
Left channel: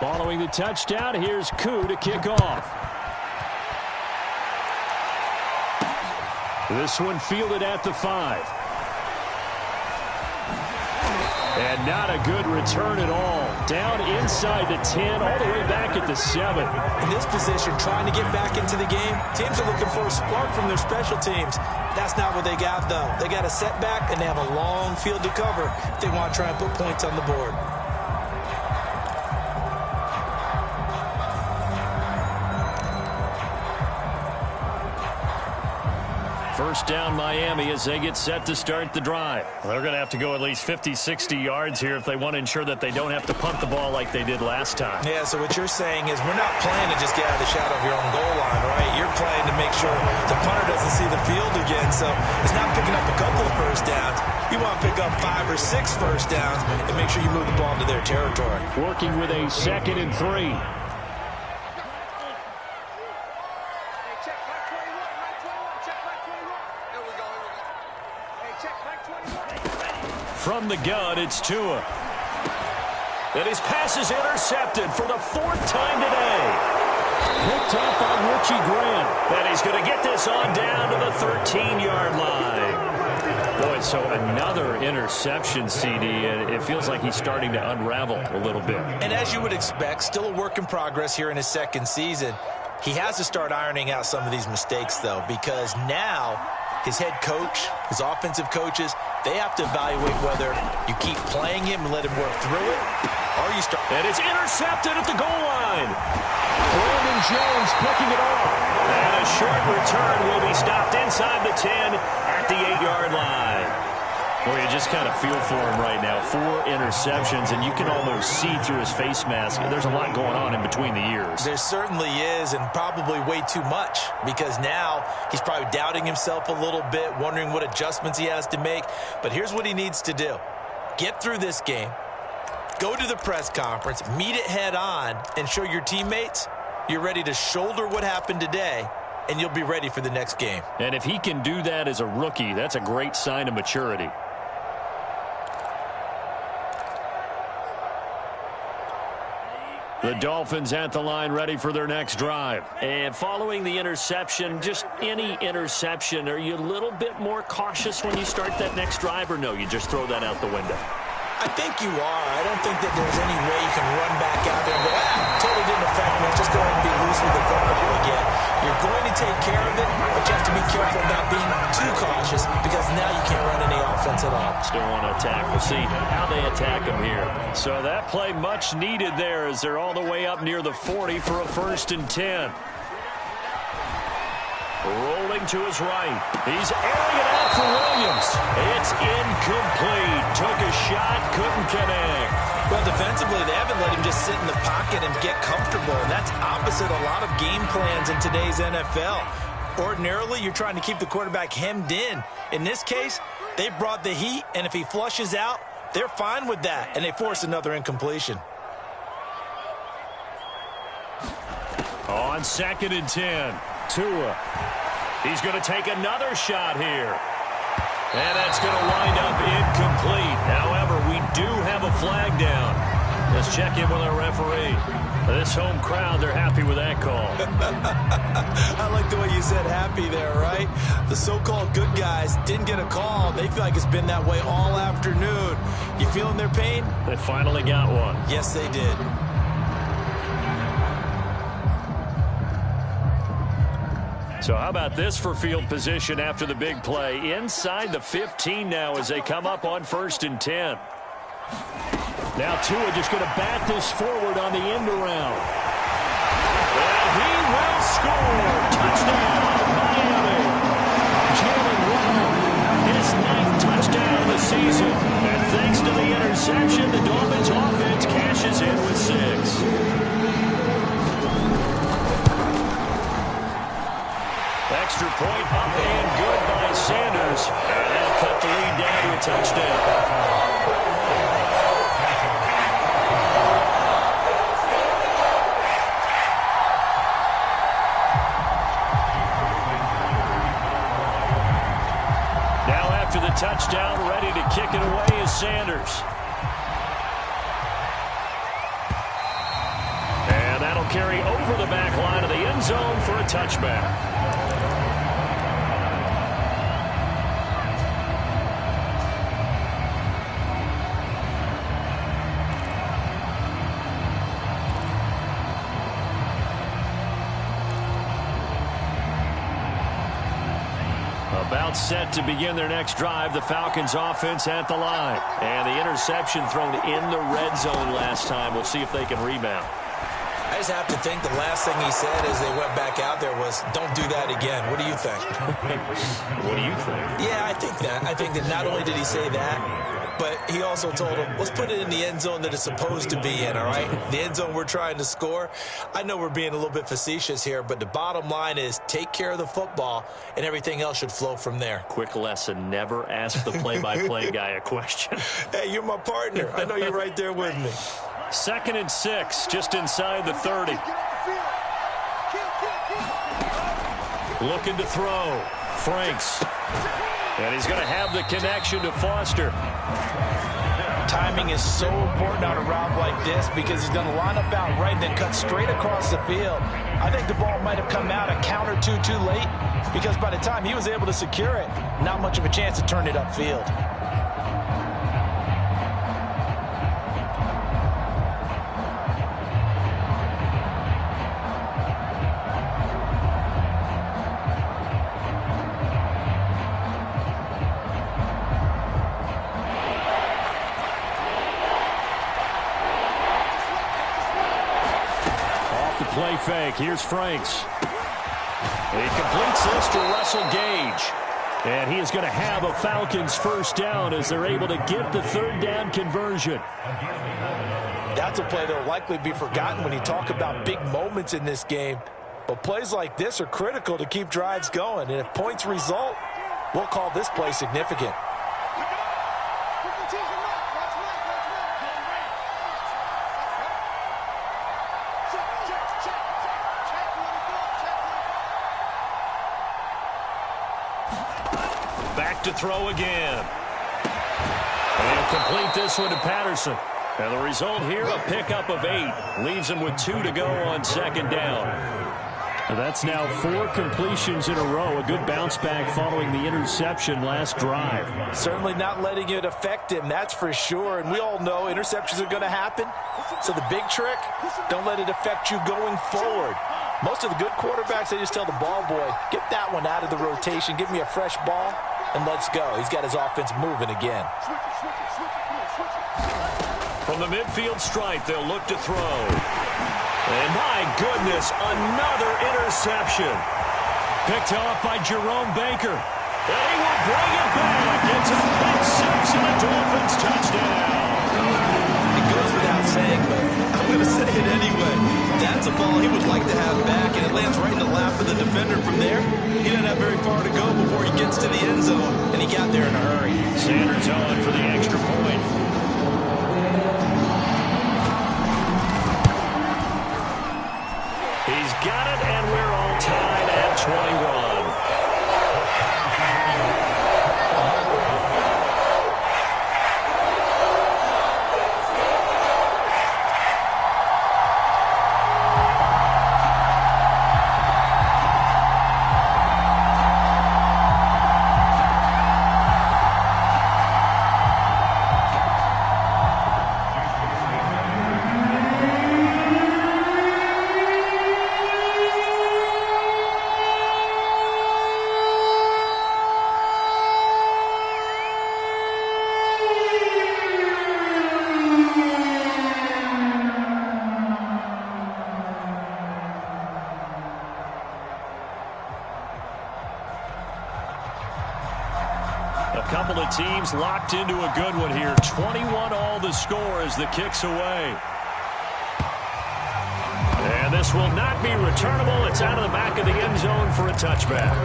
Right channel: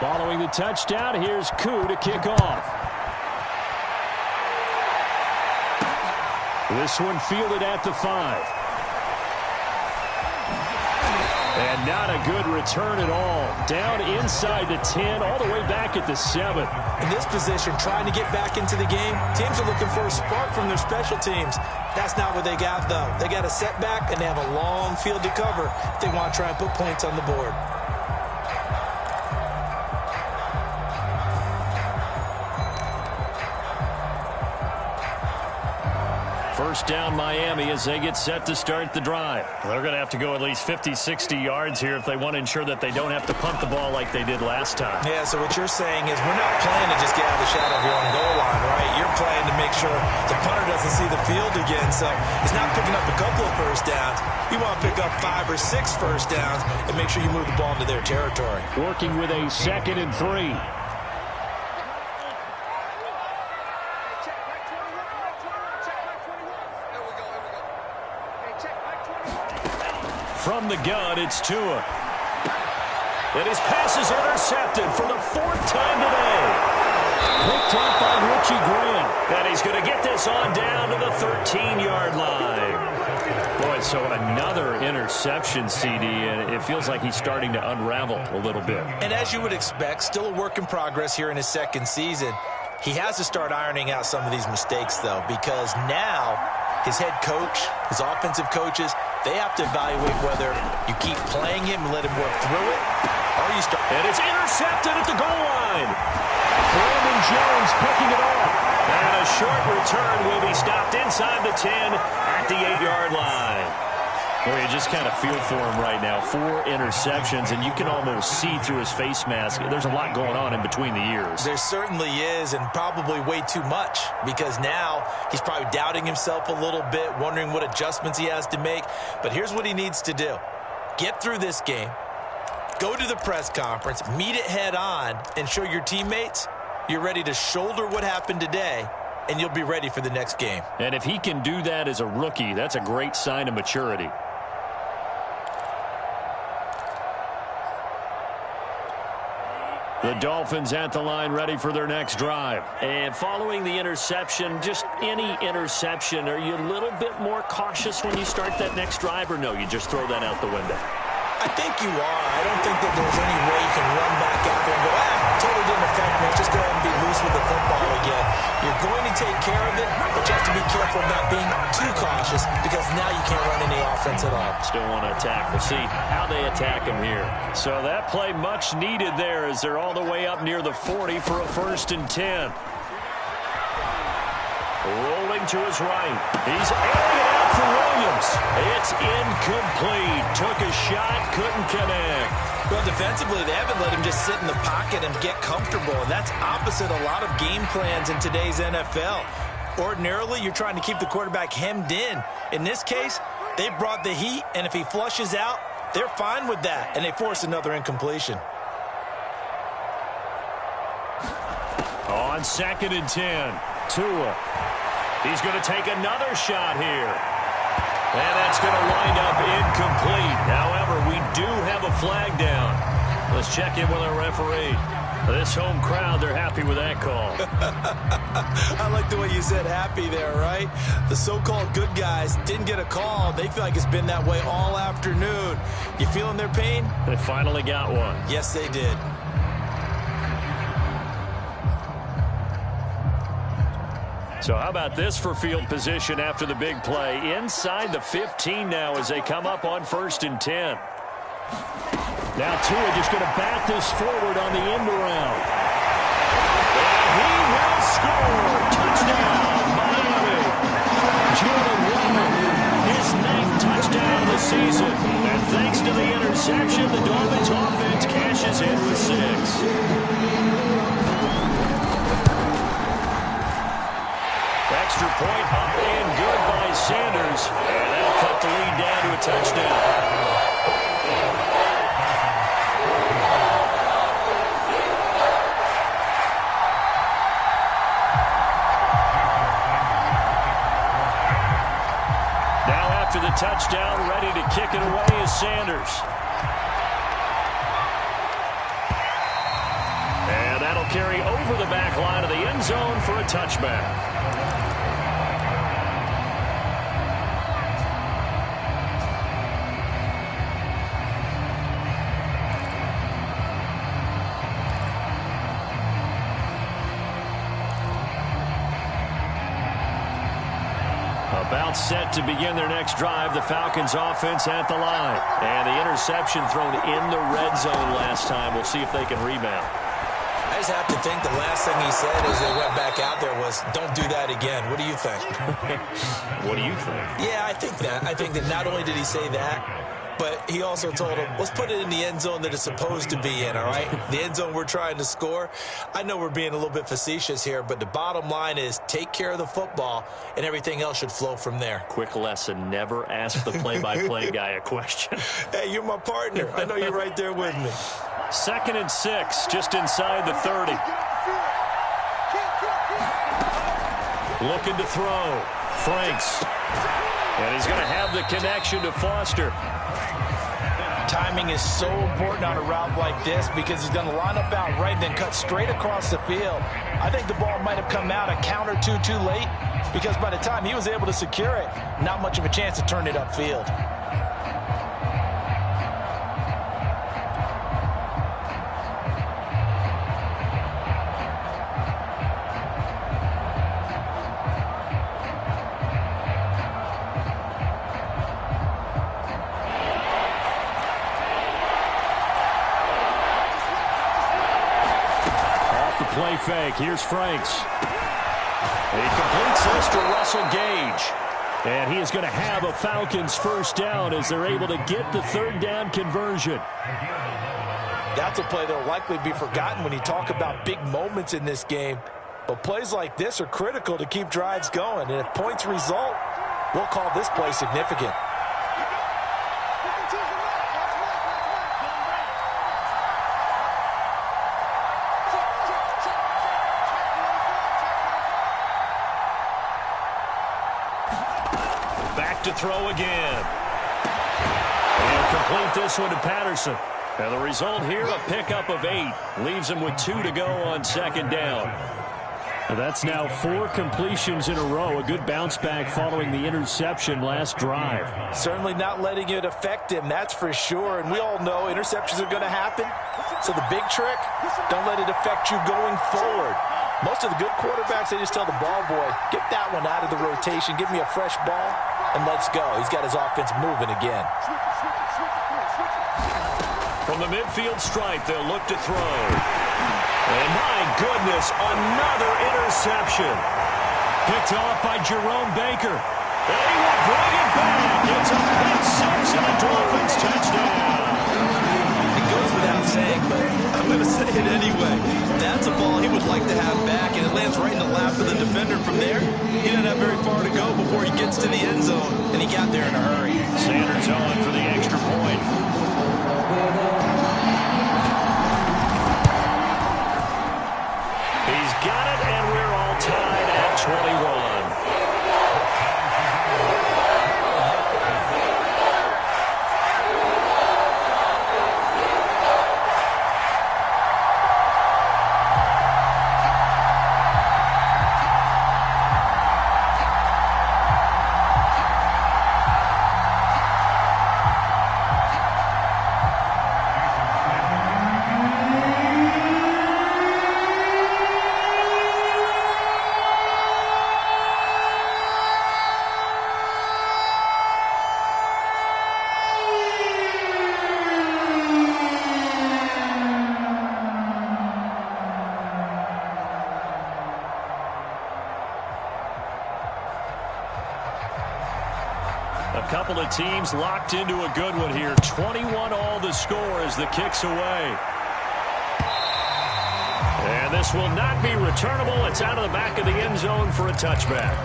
Following the touchdown, here's Koo to kick off. This one fielded at the 5. And not a good return at all. Down inside the 10, all the way back at the 7. In this position, trying to get back into the game, teams are looking for a spark from their special teams. That's not what they got, though. They got a setback, and they have a long field to cover if they want to try and put points on the board. First down Miami as they get set to start the drive. They're going to have to go at least 50, 60 yards here if they want to ensure that they don't have to punt the ball like they did last time. Yeah, so what you're saying is we're not playing to just get out of the shadow of your own goal line, right? You're playing to make sure the punter doesn't see the field again. So it's not picking up a couple of first downs. You want to pick up 5 or 6 first downs and make sure you move the ball into their territory. Working with a 2nd and 3. From the gun, it's Tua. And his pass is intercepted for the 4th time today. Picked off by Richie Grant. And he's going to get this on down to the 13-yard line. Boy, so another interception, CD, and it feels like he's starting to unravel a little bit. And as you would expect, still a work in progress here in his second season. He has to start ironing out some of these mistakes, though, because now his head coach, his offensive coaches, they have to evaluate whether you keep playing him and let him work through it, or you start. And it's intercepted at the goal line. Brandon Jones picking it off. And a short return will be stopped inside the 10 at the 8-yard line. Well, you just kind of feel for him right now. 4 interceptions, and you can almost see through his face mask. There's a lot going on in between the ears. There certainly is, and probably way too much, because now he's probably doubting himself a little bit, wondering what adjustments he has to make. But here's what he needs to do. Get through this game, go to the press conference, meet it head on, and show your teammates you're ready to shoulder what happened today, and you'll be ready for the next game. And if he can do that as a rookie, that's a great sign of maturity. The Dolphins at the line, ready for their next drive. And following the interception, just any interception, are you a little bit more cautious when you start that next drive, or no, you just throw that out the window? I think you are. I don't think that there's any way you can run back out there and go, totally didn't affect me. Let's just go ahead and be loose with the football again. You're going to take care of it, but you have to be careful about being too cautious, because now you can't run any offense at all. Still want to attack. We'll see how they attack him here. So that play much needed there as they're all the way up near the 40 for a 1st and 10. Rolling to his right. He's airing it out for Williams. It's incomplete. Took a shot, couldn't connect. Well, defensively, they haven't let him just sit in the pocket and get comfortable, and that's opposite a lot of game plans in today's NFL. Ordinarily, you're trying to keep the quarterback hemmed in. In this case, they brought the heat, and if he flushes out, they're fine with that, and they force another incompletion. On 2nd and 10, Tua. He's going to take another shot here. And that's going to wind up incomplete. However, we do have a flag down. Let's check in with our referee. This home crowd, they're happy with that call. I like the way you said happy there, right? The so-called good guys didn't get a call. They feel like it's been that way all afternoon. You feeling their pain? They finally got one. Yes, they did. So how about this for field position after the big play? Inside the 15 now as they come up on 1st and 10. Now Tua just going to bat this forward on the end around. And he will score. Touchdown, Miami. Jalen Waddle, his 9th touchdown of the season. And thanks to the interception, the Dolphins offense cashes in with 6. Extra point up and good by Sanders. And that'll cut the lead down to a touchdown. Now after the touchdown, ready to kick it away is Sanders. And that'll carry over the back line of the end zone for a touchback. About set to begin their next drive, the Falcons offense at the line. And the interception thrown in the red zone last time. We'll see if they can rebound. I just have to think the last thing he said as they went back out there was, don't do that again. What do you think? What do you think? Yeah, I think that. I think that not only did he say that, but he also told him, let's put it in the end zone that it's supposed to be in, all right? The end zone we're trying to score. I know we're being a little bit facetious here, but the bottom line is take care of the football, and everything else should flow from there. Quick lesson, never ask the play-by-play guy a question. Hey, you're my partner. I know you're right there with me. 2nd and 6, just inside the 30. Looking to throw. Franks. And he's going to have the connection to Foster. Timing is so important on a route like this because he's going to line up out right and then cut straight across the field. I think the ball might have come out a count or two too late because by the time he was able to secure it, not much of a chance to turn it upfield. Play fake. Here's Franks. He completes this to Russell Gage. And he is going to have a Falcons first down as they're able to get the third down conversion. That's a play that will likely be forgotten when you talk about big moments in this game. But plays like this are critical to keep drives going. And if points result, we'll call this play significant. Back to throw again. And complete this one to Patterson. And the result here, a pickup of 8. Leaves him with 2 to go on second down. That's now 4 completions in a row. A good bounce back following the interception last drive. Certainly not letting it affect him, that's for sure. And we all know interceptions are going to happen. So the big trick, don't let it affect you going forward. Most of the good quarterbacks, they just tell the ball boy, get that one out of the rotation, give me a fresh ball, and let's go. He's got his offense moving again. From the midfield stripe, they'll look to throw. And my goodness, another interception. Picked off by Jerome Baker. And he will bring it back. It's a pick 6 and a Dolphins touchdown. It goes without saying, but I'm going to say it anyway. That's a ball he would like to have back, and it lands right in the lap of the defender from there. He doesn't have very far to go before he gets to the end zone, and he got there in a hurry. Sanders on for the extra point. He's got it, and we're all tied at 21. A couple of teams locked into a good one here. 21 all the score as the kick's away. And this will not be returnable. It's out of the back of the end zone for a touchback.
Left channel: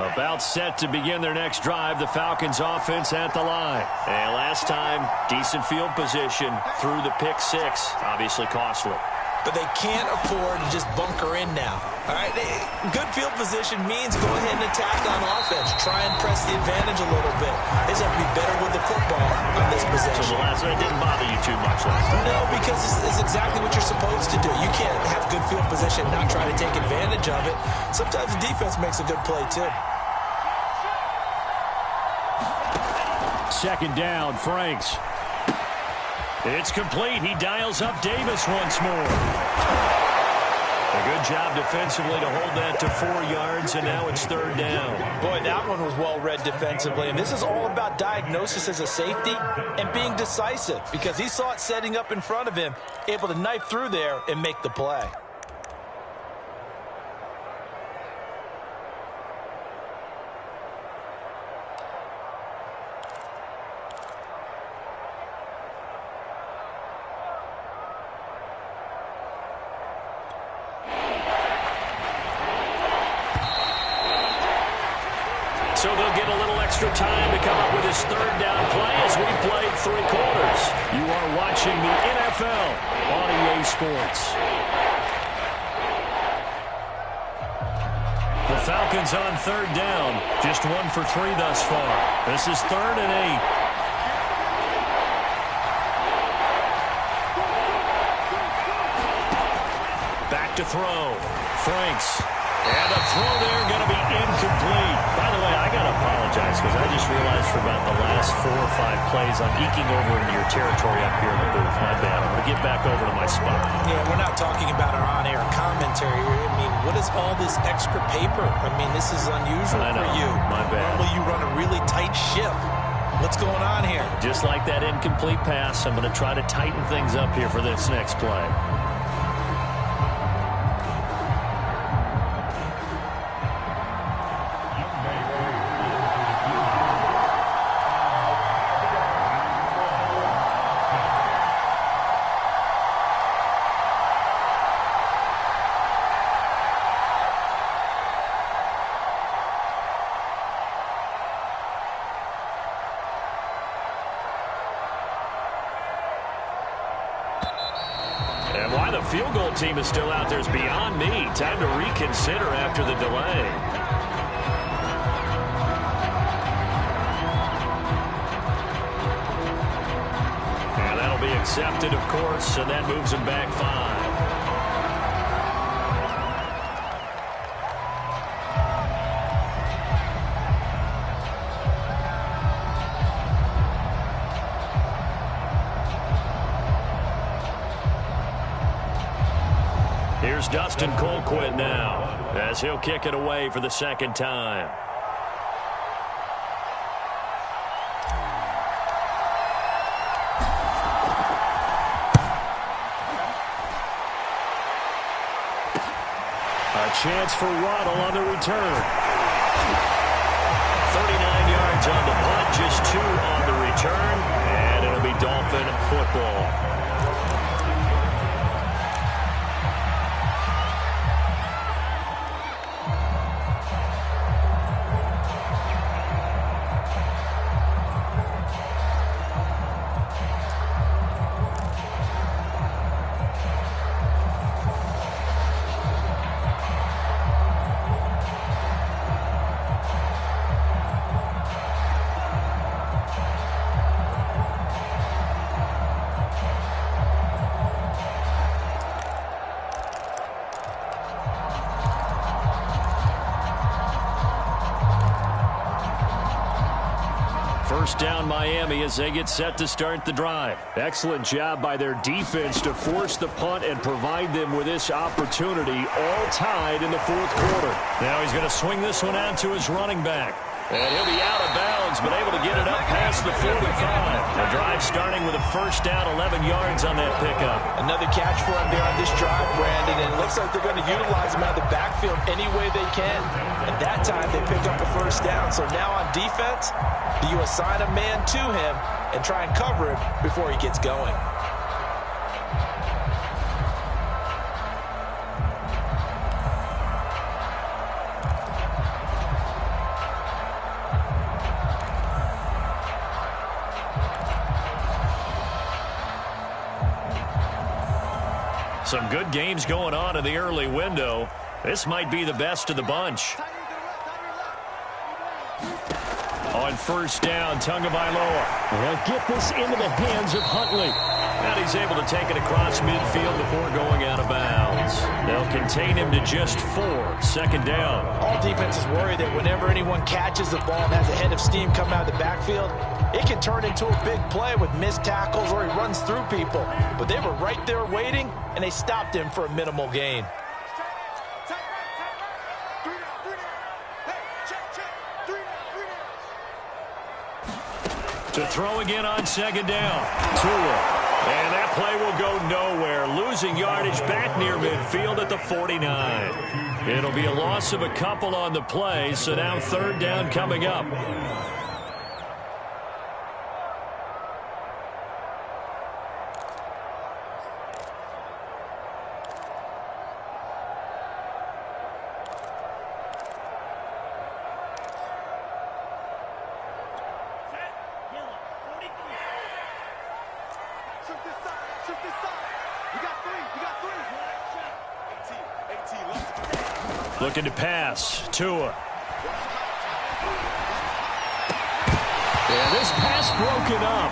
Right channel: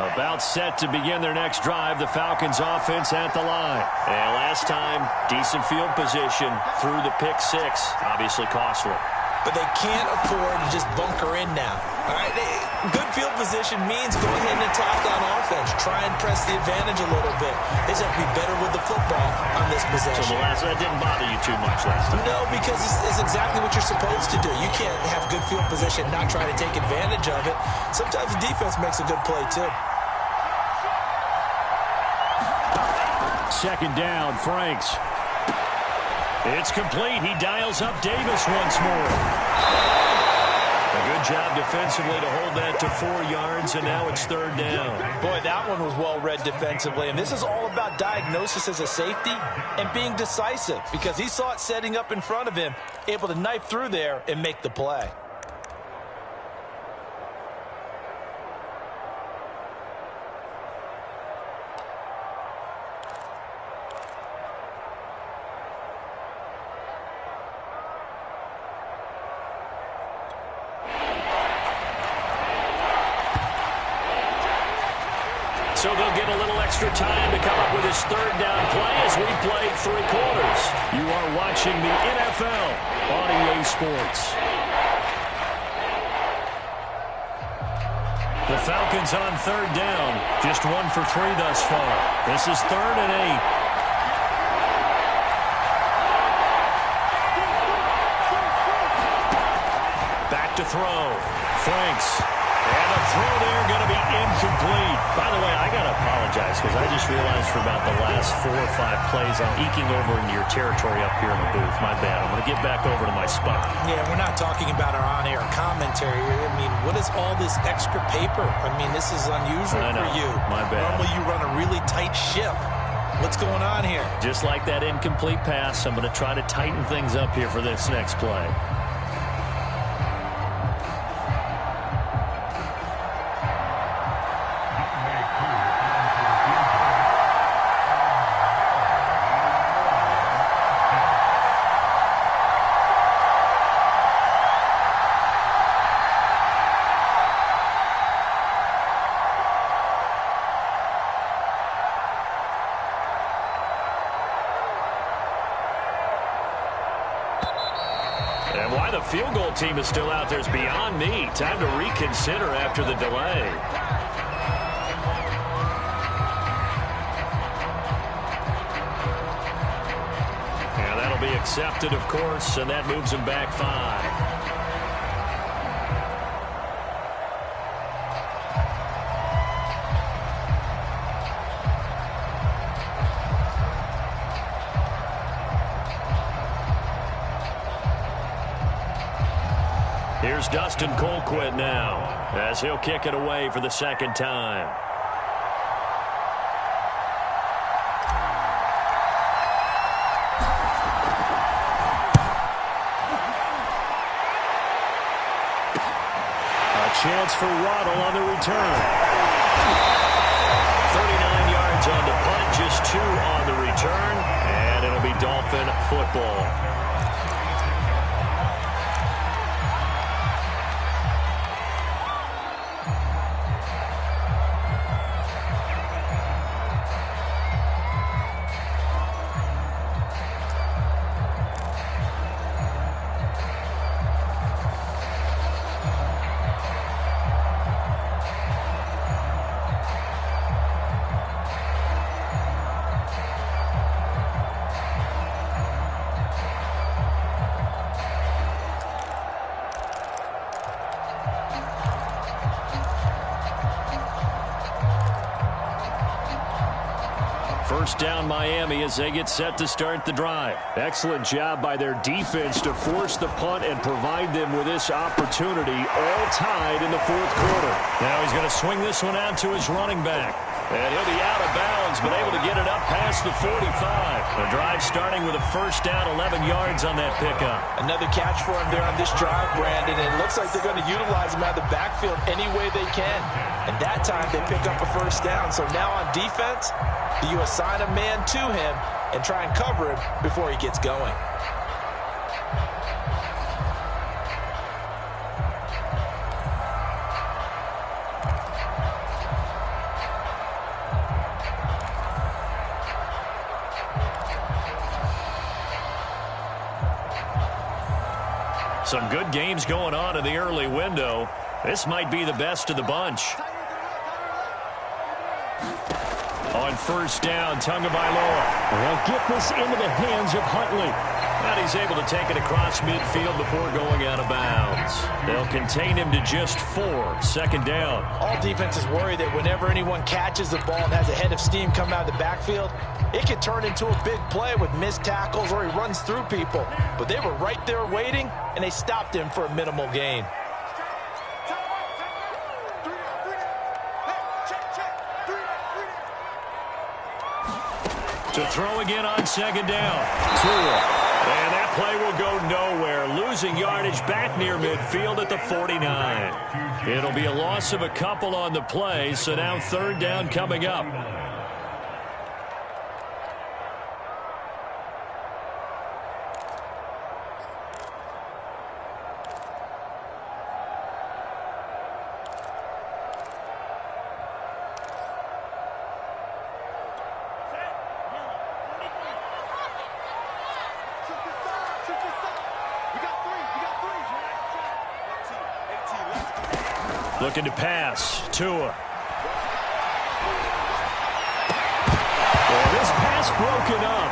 About set to begin their next drive, the Falcons offense at the line. And last time, decent field position through the pick 6. Obviously costly. But they can't afford to just bunker in now. All right, good field position means go ahead and attack on offense. Try and press the advantage a little bit. They just have to be better with the football on this possession. So that didn't bother you too much last time? No, because it's exactly what you're supposed to do. You can't have good field position and not try to take advantage of it. Sometimes the defense makes a good play, too. Second down, Franks. It's complete. He dials up Davis once more. A good job defensively to hold that to 4 yards, and now it's third down. Boy, that one was well read defensively, and this is all about diagnosis as a safety and being decisive because he saw it setting up in front of him, able to knife through there and make the play. So they'll get a little extra time to come up with his third down play as we played 3 quarters. You are watching the NFL on EA Sports. The Falcons on third down. Just 1 for 3 thus far. This is 3rd and 8. Back to throw. Franks. And the throw there going to be incomplete. By the way, I got to apologize because I just realized for about the last 4 or 5 plays, I'm eking over into your territory up here in the booth. My bad. I'm going to get back over to my spot. Yeah, we're not talking about our on-air commentary here. I mean, what is all this extra paper? I mean, this is unusual for you. My bad. Normally you run a really tight ship. What's going on here? Just like that incomplete pass, I'm going to try to tighten things up here for this next play. And why the field goal team is still out there is beyond me. Time to reconsider after the delay. And that'll be accepted, of course, and that moves him back 5. Here's Dustin Colquitt now as he'll kick it away for the 2nd time. A chance for Waddle on the return. 39 yards on the punt, just 2 on the return, and it'll be Dolphin football. First down Miami as they get set to start the drive. Excellent job by their defense to force the punt and provide them with this opportunity, all tied in the 4th quarter. Now he's going to swing this one out to his running back. And he'll be out of bounds, but able to get it up past the 45. The drive starting with a first down, 11 yards on that pickup. Another catch for him there on this drive, Brandon, and it looks like they're going to utilize him out of the backfield any way they can. And that time they pick up a first down. So now on defense, you assign a man to him and try and cover him before he gets going. Some good games going on in the early window. This might be the best of the bunch. On first down, Tagovailoa. They'll get this into the hands of Huntley. And he's able to take it across midfield before going out of bounds. They'll contain him to just 4. Second down. All defenses worry that whenever anyone catches the ball and has a head of steam come out of the backfield, it can turn into a big play with missed tackles or he runs through people. But they were right there waiting, and they stopped him for a minimal gain. To throw again on second down. Tua. And that play will go nowhere. Losing yardage back near midfield at the 49. It'll be a loss of a couple on the play, so now third down coming up. Looking to pass. Tua. And this pass broken up.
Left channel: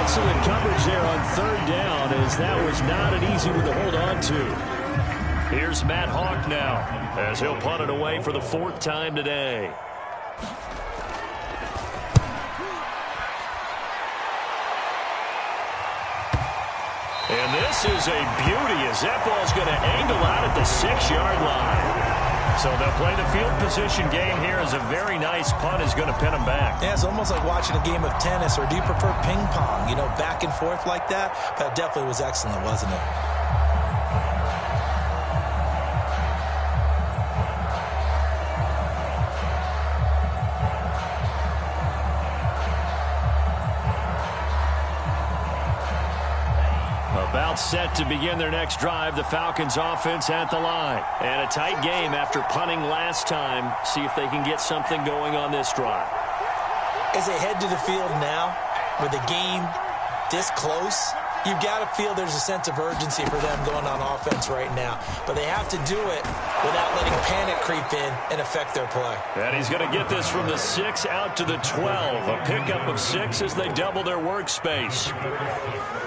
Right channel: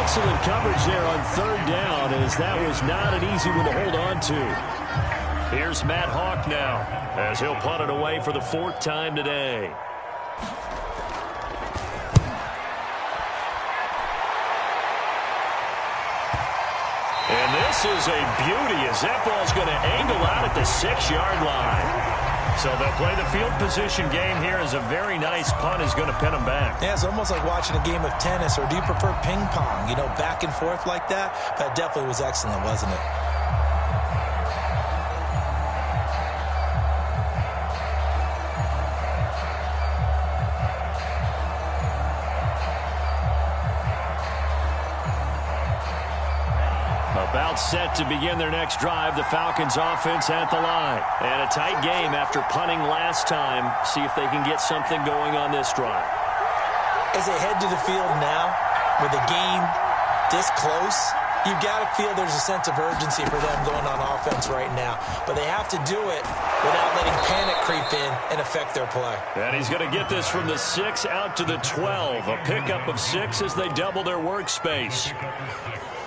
Excellent coverage there on third down, as that was not an easy one to hold on to. Here's Matt Hawk now, as he'll punt it away for the 4th time today. And this is a beauty, as that ball's going to angle out at the 6-yard line. So they'll play the field position game here, as a very nice punt is going to pin them back. Yeah, it's almost like watching a game of tennis, or do you prefer ping pong? You know, back and forth like that? But it definitely was excellent, wasn't it? About set to begin their next drive, the Falcons offense at the line. And a tight game after punting last time. See if they can get something going on this drive. As they head to the field now, with the game this close, you've got to feel there's a sense of urgency for them going on offense right now. But they have to do it without letting panic creep in and affect their play. And he's going to get this from the 6 out to the 12. A pickup of 6 as they double their workspace.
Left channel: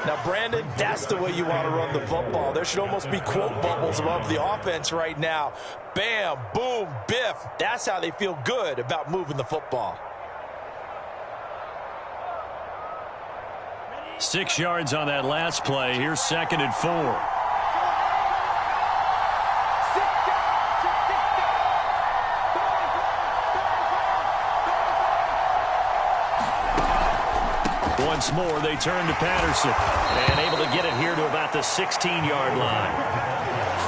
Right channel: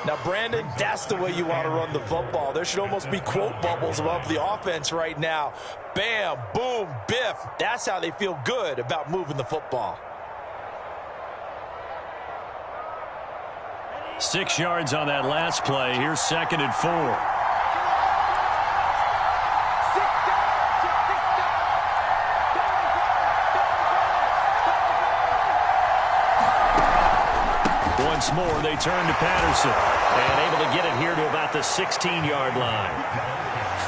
Now, Brandon, that's the way you want to run the football. There should almost be quote bubbles above the offense right now. Bam, boom, biff. That's how they feel good about moving the football. 6 yards on that last play. Here's 2nd and 4. Once more, they turn to Patterson. And able to get it here to about the 16-yard line.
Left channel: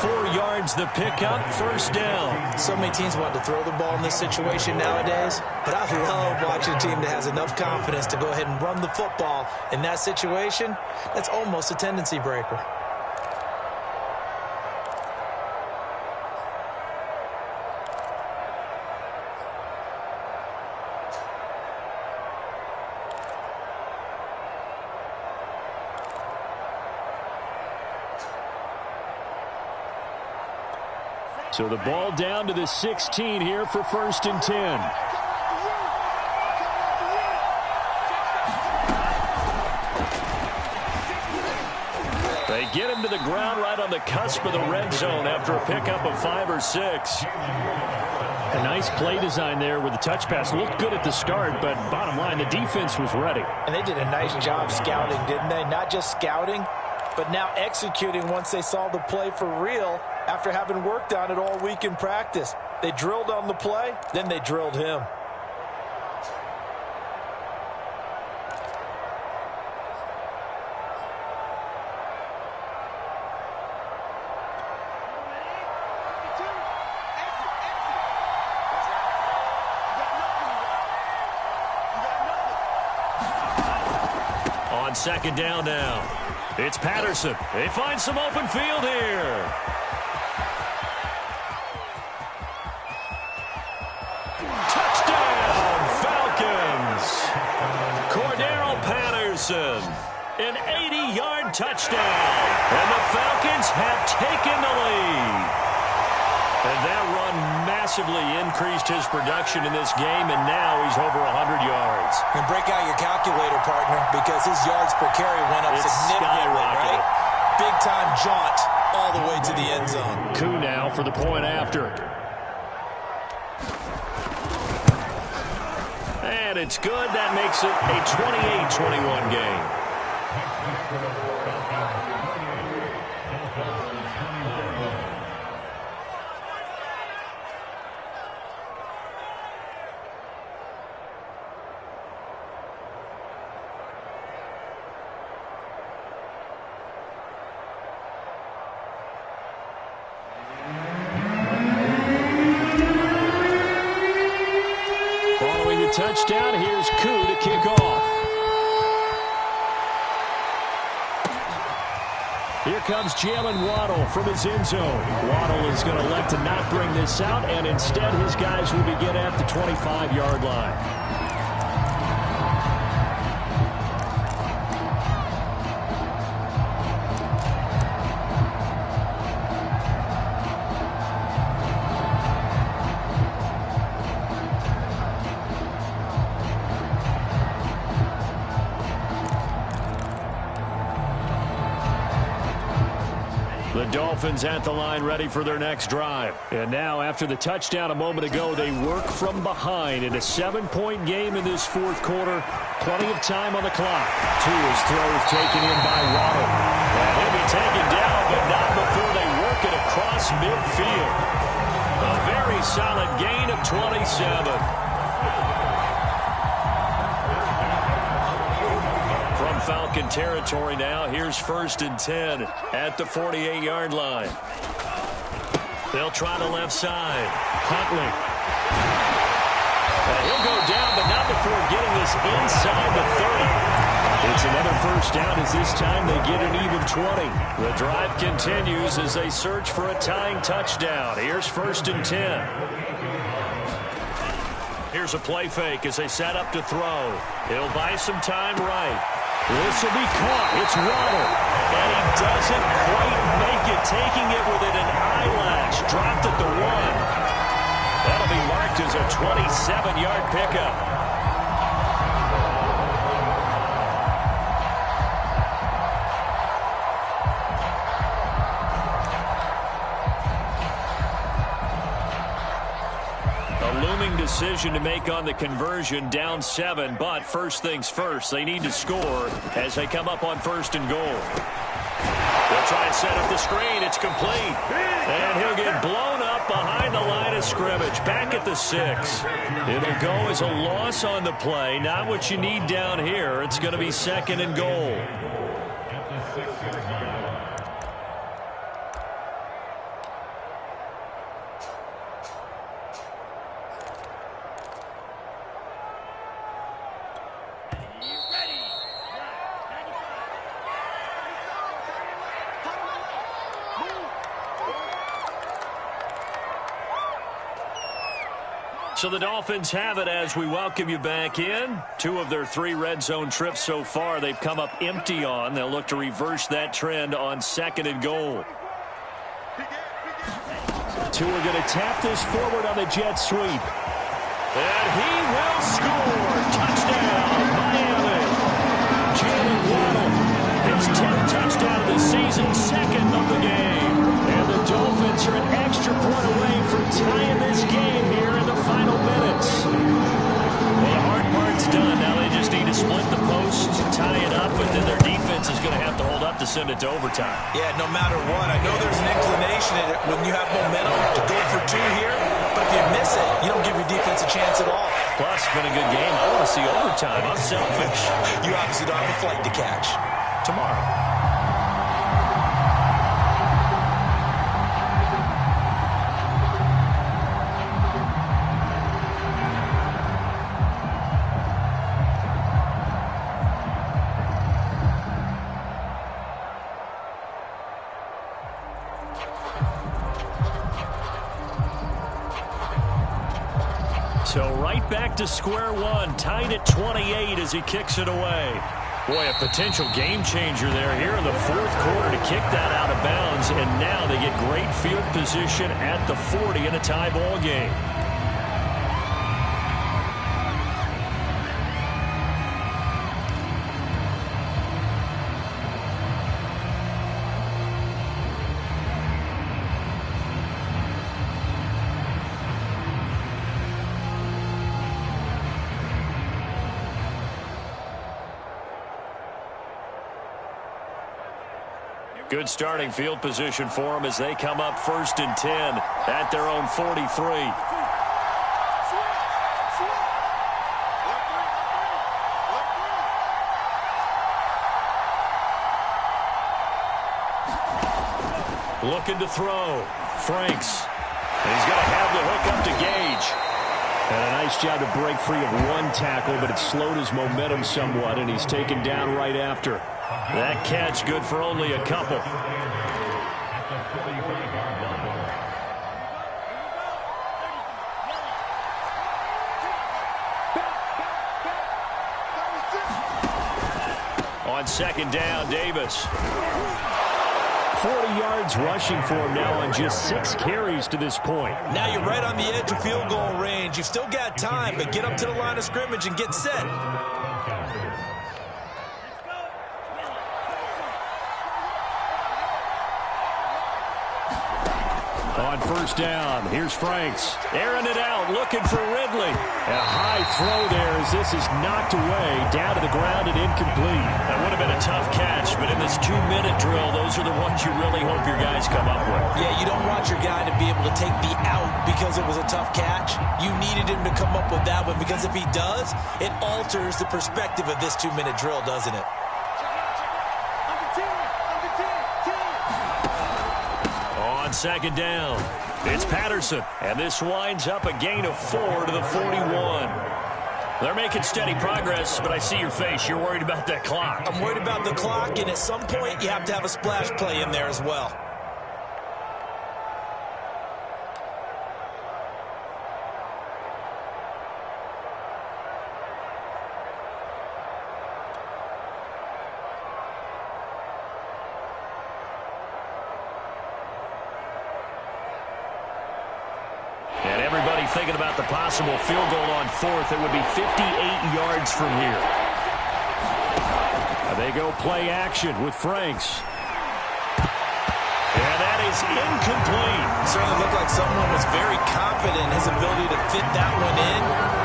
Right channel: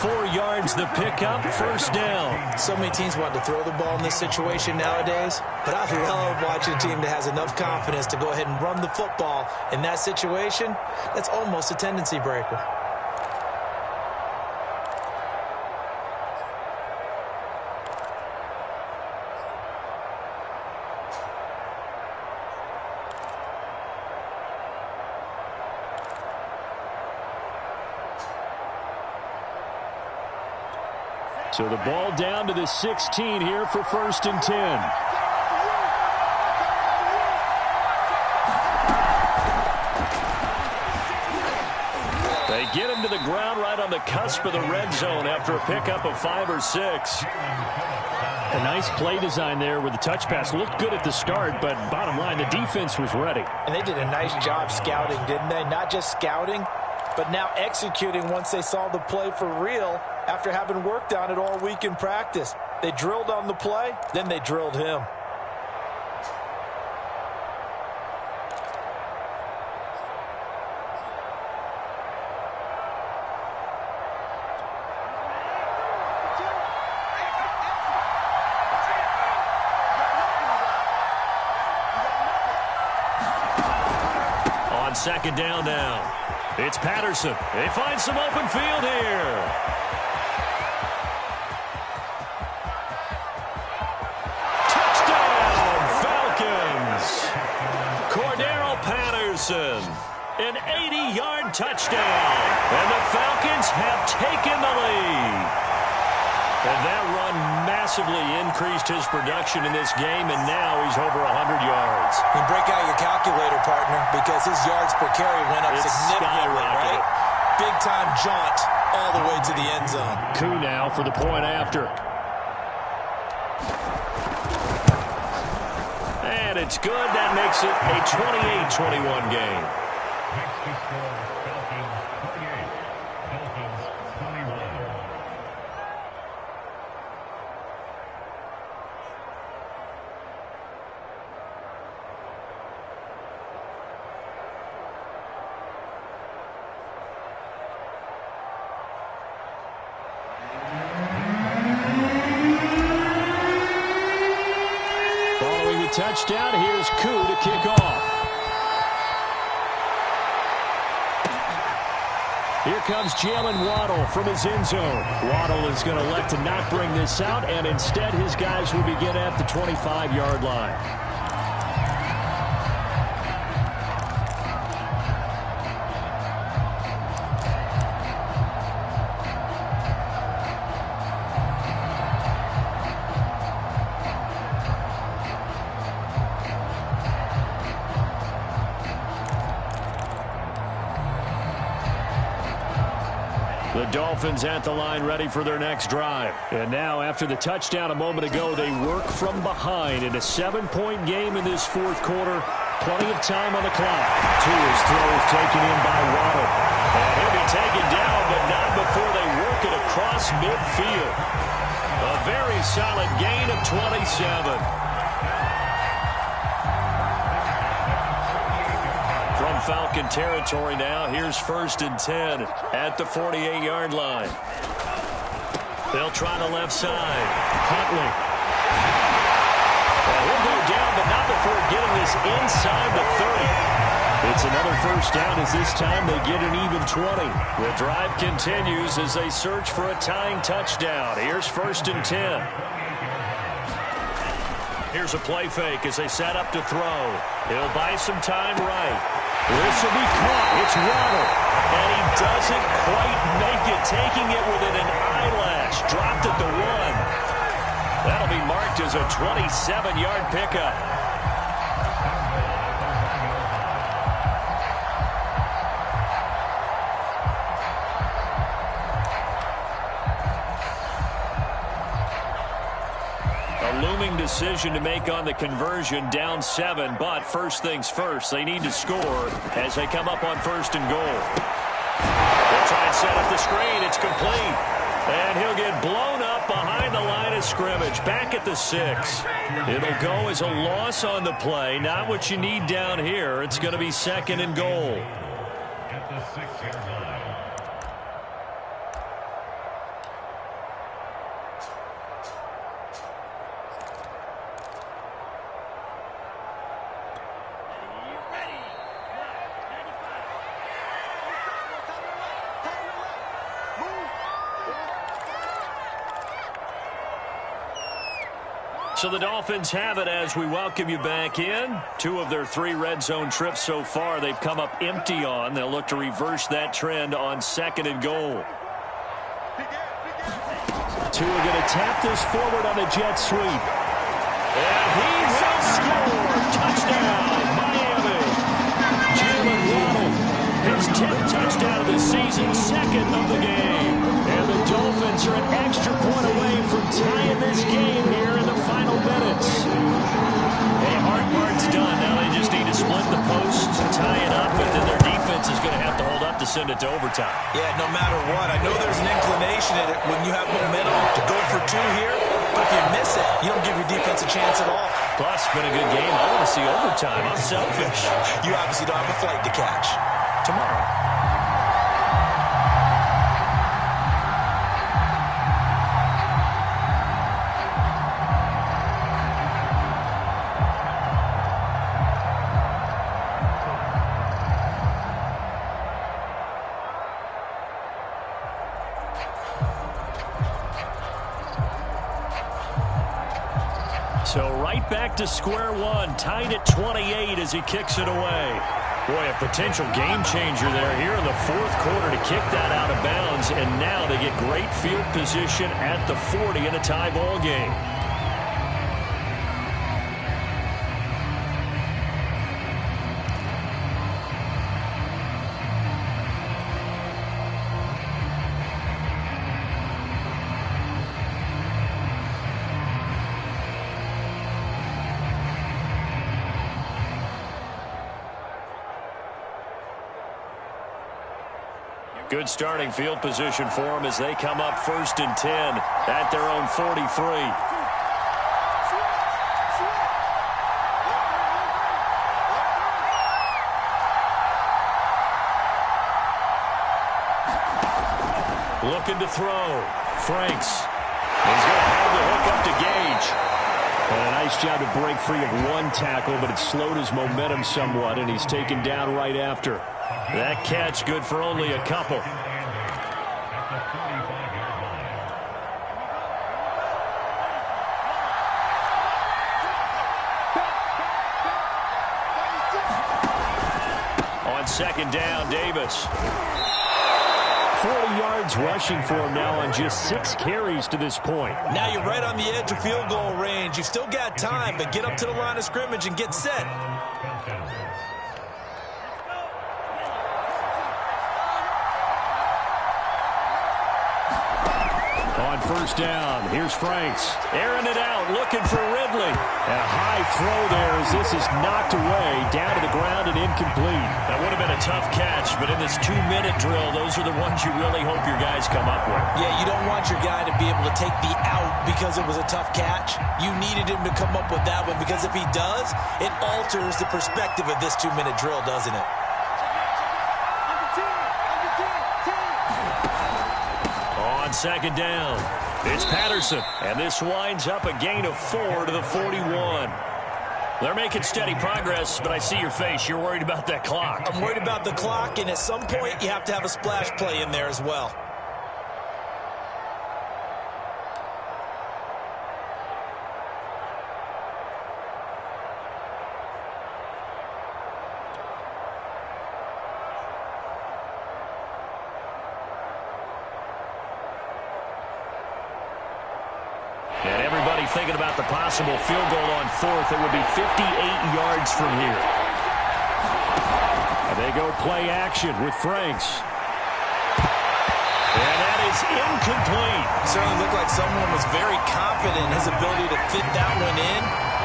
4 yards the pickup, 1st down. So many teams want to throw the ball in this situation nowadays. But I love watching a team that has enough confidence to go ahead and run the football in that situation. That's almost a tendency breaker. So the ball down to the 16 here for 1st and 10. They get him to the ground right on the cusp of the red zone after a pickup of 5 or 6. A nice play design there with the touch pass. Looked good at the start, but bottom line, the defense was ready. And they did a nice job scouting, didn't they? Not just scouting, but now executing once they saw the play for real after having worked on it all week in practice. They drilled on the play, then they drilled him. On 2nd down now, it's Patterson. They find some open field here. Touchdown, Falcons. Cordero Patterson, an 80-yard touchdown. And the Falcons have taken the lead. And that run massively increased his production in this game, and now he's over 100 yards. And break out your calculator, partner, because his yards per carry went up significantly, right? Big-time jaunt all the way to the end zone. Coup now for the point after. And it's good. That makes it a 28-21 game. Touchdown. Here's Koo to kick off. Here comes Jalen Waddle from his end zone. Waddle is going to elect to not bring this out, and instead his guys will begin at the 25-yard line. The Dolphins at the line ready for their next drive. And now after the touchdown a moment ago, they work from behind in a 7-point game in this fourth quarter. Plenty of time on the clock. Tua's throw is taken in by Waddle. And he'll be taken down, but not before they work it across midfield. A very solid gain of 27. From Falcon territory now, here's 1st and 10 at the 48-yard line. They'll try the left side. Huntley. And he'll go down, but not before getting this inside the 30. It's another first down as this time they get an even 20. The drive continues as they search for a tying touchdown. Here's 1st and 10. Here's a play fake as they set up to throw. He'll buy some time right. This will be caught. It's Waddle. And he doesn't quite make it, taking it within an eyelash. Dropped at the 1. That'll be marked as a 27-yard pickup. A looming decision to make on the conversion, down 7, but first things first, they need to score as they come up on 1st and goal. They'll try and set up the screen. It's complete. And he'll get blown up behind the line of scrimmage, back at the 6. It'll go as a loss on the play, not what you need down here. It's going to be 2nd and goal. At the 6-yard line. So the Dolphins have it as we welcome you back in. 2 of their 3 red zone trips so far they've come up empty on. They'll look to reverse that trend on 2nd and goal. Tua going to tap this forward on the jet sweep. And he will score. Touchdown, Miami. Jalen Waddle, his 10th touchdown of the season, 2nd of the game. And the Dolphins are an extra point away from tying this game here in the final minutes. Well, the hard part's done. Now they just need to split the posts, tie it up, but then their defense is going to have to hold up to send it to overtime. Yeah, no matter what. I know there's an inclination in it when you have momentum to go for 2 here, but if you miss it, you don't give your defense a chance at all. Plus, it's been a good game. I want to see overtime. I'm selfish. You obviously don't have a flight to catch. Tomorrow. So right back to square one, tied at 28 as he kicks it away. Boy, a potential game changer there here in the fourth quarter to kick that out of bounds, and now they get great field position at the 40 in a tie ball game. Good starting field position for them as they come up 1st and 10 at their own 43. Looking to throw. Franks. He's going to have the hook up to Gage. And a nice job to break free of 1 tackle, but it slowed his momentum somewhat, and he's taken down right after. That catch good for only a couple. On 2nd down, Davis. 40 yards rushing for him now on just 6 carries to this point. Now you're right on the edge of field goal range. You've still got time, but get up to the line of scrimmage and get set. On first down, here's Franks. Airing it out, looking for Ridley. And a high throw there as this is knocked away, down to the ground and incomplete. That would have been a tough catch, but in this 2-minute drill, those are the ones you really hope your guys come up with. Yeah, you don't want your guy to be able to take the out because it was a tough catch. You needed him to come up with that one, because if he does, it alters the perspective of this 2-minute drill, doesn't it? On second down, it's Patterson, and this winds up a gain of 4 to the 41. They're making steady progress, but I see your face. You're worried about that clock. I'm worried about the clock, and at some point, you have to have a splash play in there as well. And everybody thinking about the possible field goal on fourth. It would be 58 yards from here. They go play action with Franks. And that is incomplete. Certainly looked like someone was very confident in his ability to fit that one in.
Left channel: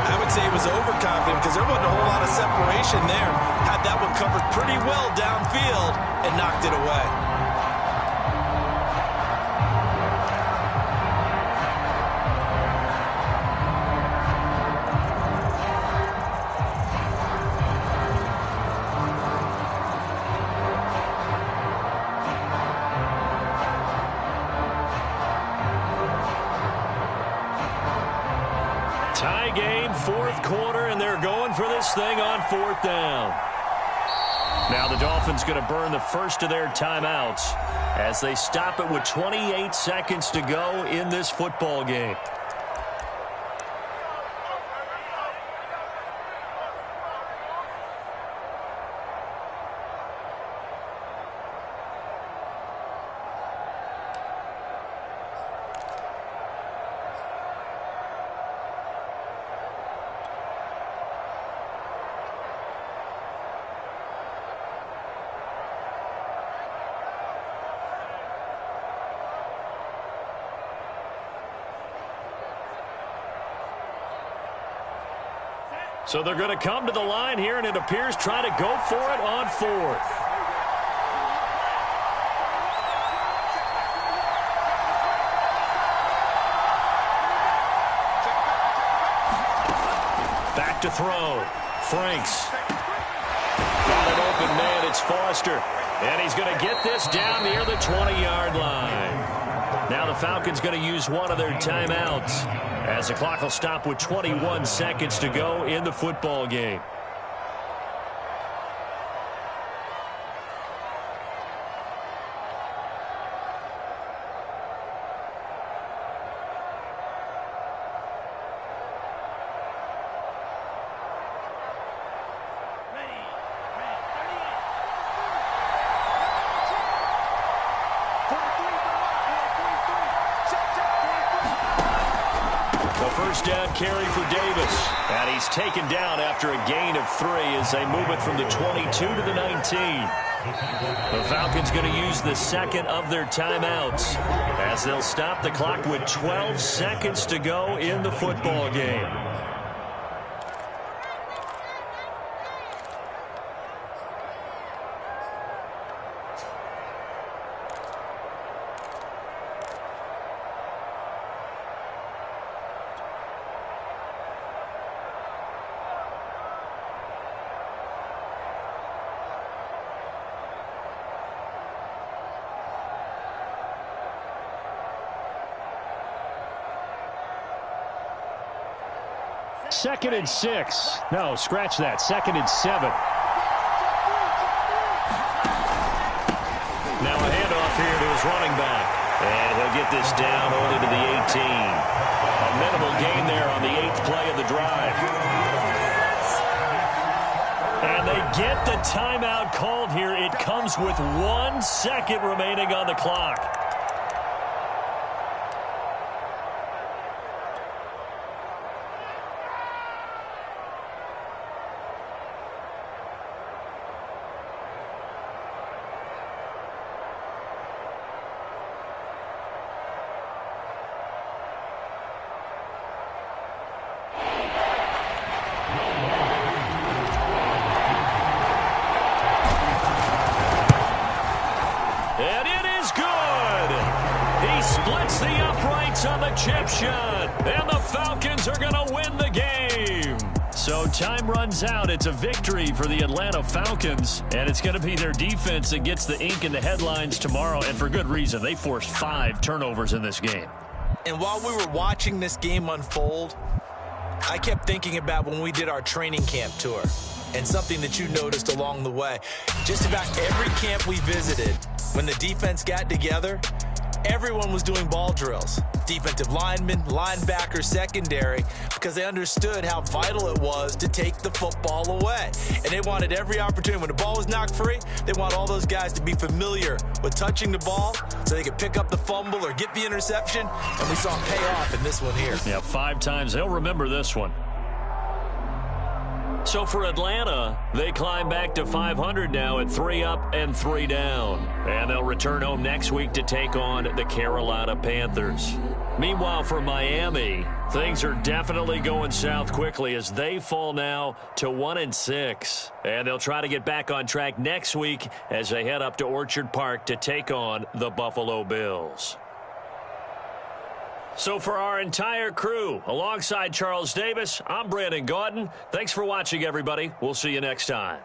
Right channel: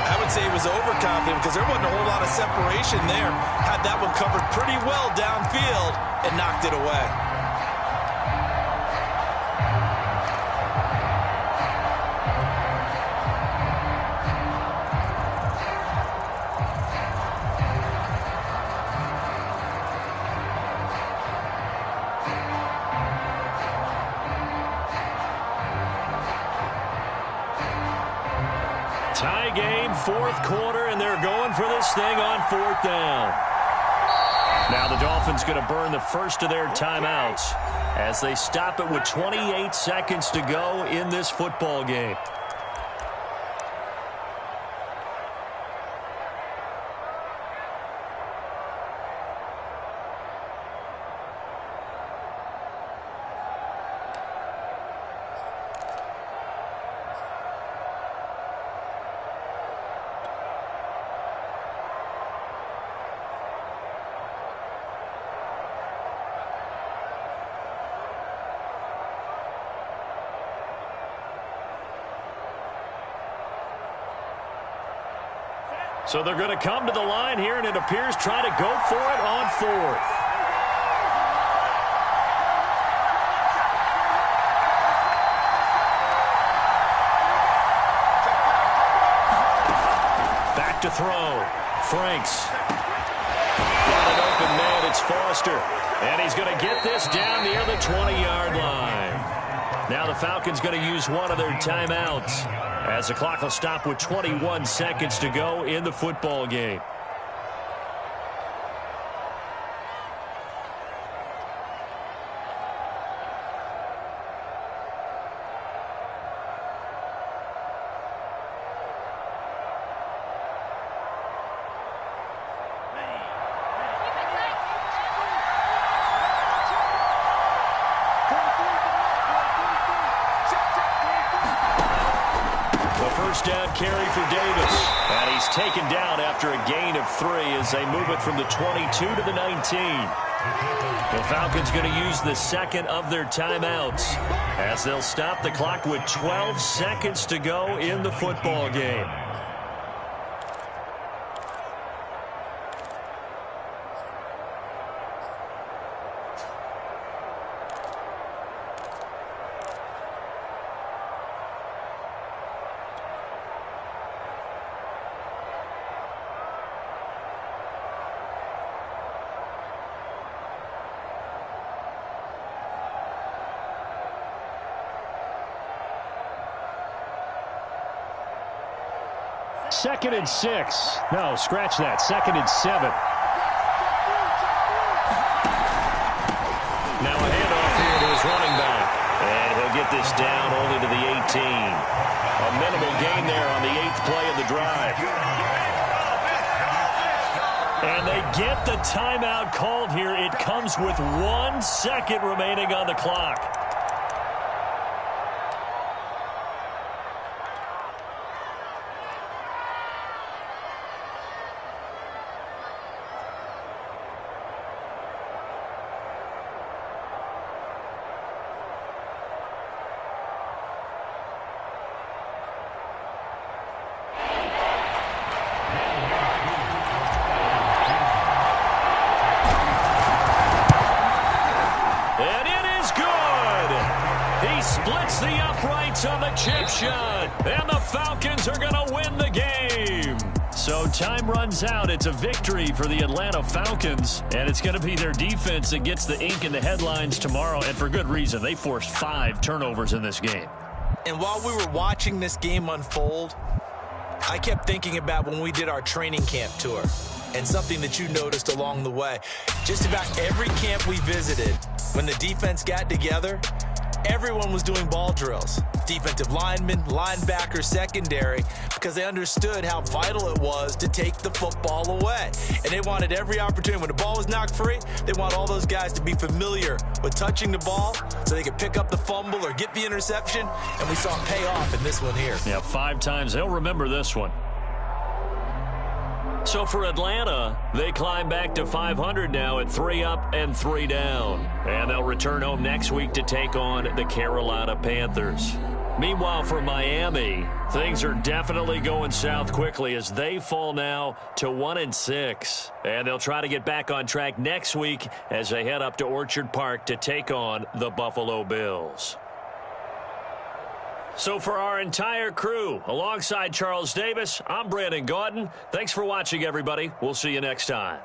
I would say he was overconfident because there wasn't a whole lot of separation there. Had that one covered pretty well downfield and knocked it away. Tie game, fourth quarter, and they're going for this thing on fourth down. Now the Dolphins going to burn the first of their timeouts as they stop it with 28 seconds to go in this football game. So they're going to come to the line here, and it appears trying to go for it on fourth. Back to throw. Franks. Got an open man. It's Foster. And he's going to get this down near the 20-yard line. Now the Falcons going to use one of their timeouts, as the clock will stop with 21 seconds to go in the football game. First down carry for Davis. And he's taken down after a gain of 3 as they move it from the 22 to the 19. The Falcons going to use the second of their timeouts as they'll stop the clock with 12 seconds to go in the football game. Second and 6. No, scratch that. Second and 7. Now a handoff here to his running back. And he'll get this down only to the 18. A minimal gain there on the 8th play of the drive. And they get the timeout called here. It comes with 1 second remaining on the clock. splits the uprights on the chip shot. And the Falcons are going to win the game. So time runs out. It's a victory for the Atlanta Falcons. And it's going to be their defense that gets the ink in the headlines tomorrow. And for good reason. They forced 5 turnovers in this game. And while we were watching this game unfold, I kept thinking about when we did our training camp tour and something that you noticed along the way. Just about every camp we visited, when the defense got together, everyone was doing ball drills. Defensive linemen, linebackers, secondary, because they understood how vital it was to take the football away. And they wanted every opportunity. When the ball was knocked free, they want all those guys to be familiar with touching the ball so they could pick up the fumble or get the interception. And we saw it pay off in this one here. Yeah, 5 times. They'll remember this one. So for Atlanta, they climb back to 500 now at 3 up and 3 down. And they'll return home next week to take on the Carolina Panthers. Meanwhile, for Miami, things are definitely going south quickly as they fall now to 1-6. And they'll try to get back on track next week as they head up to Orchard Park to take on the Buffalo Bills. So for our entire crew, alongside Charles Davis, I'm Brandon Gaudin. Thanks for watching, everybody. We'll see you next time.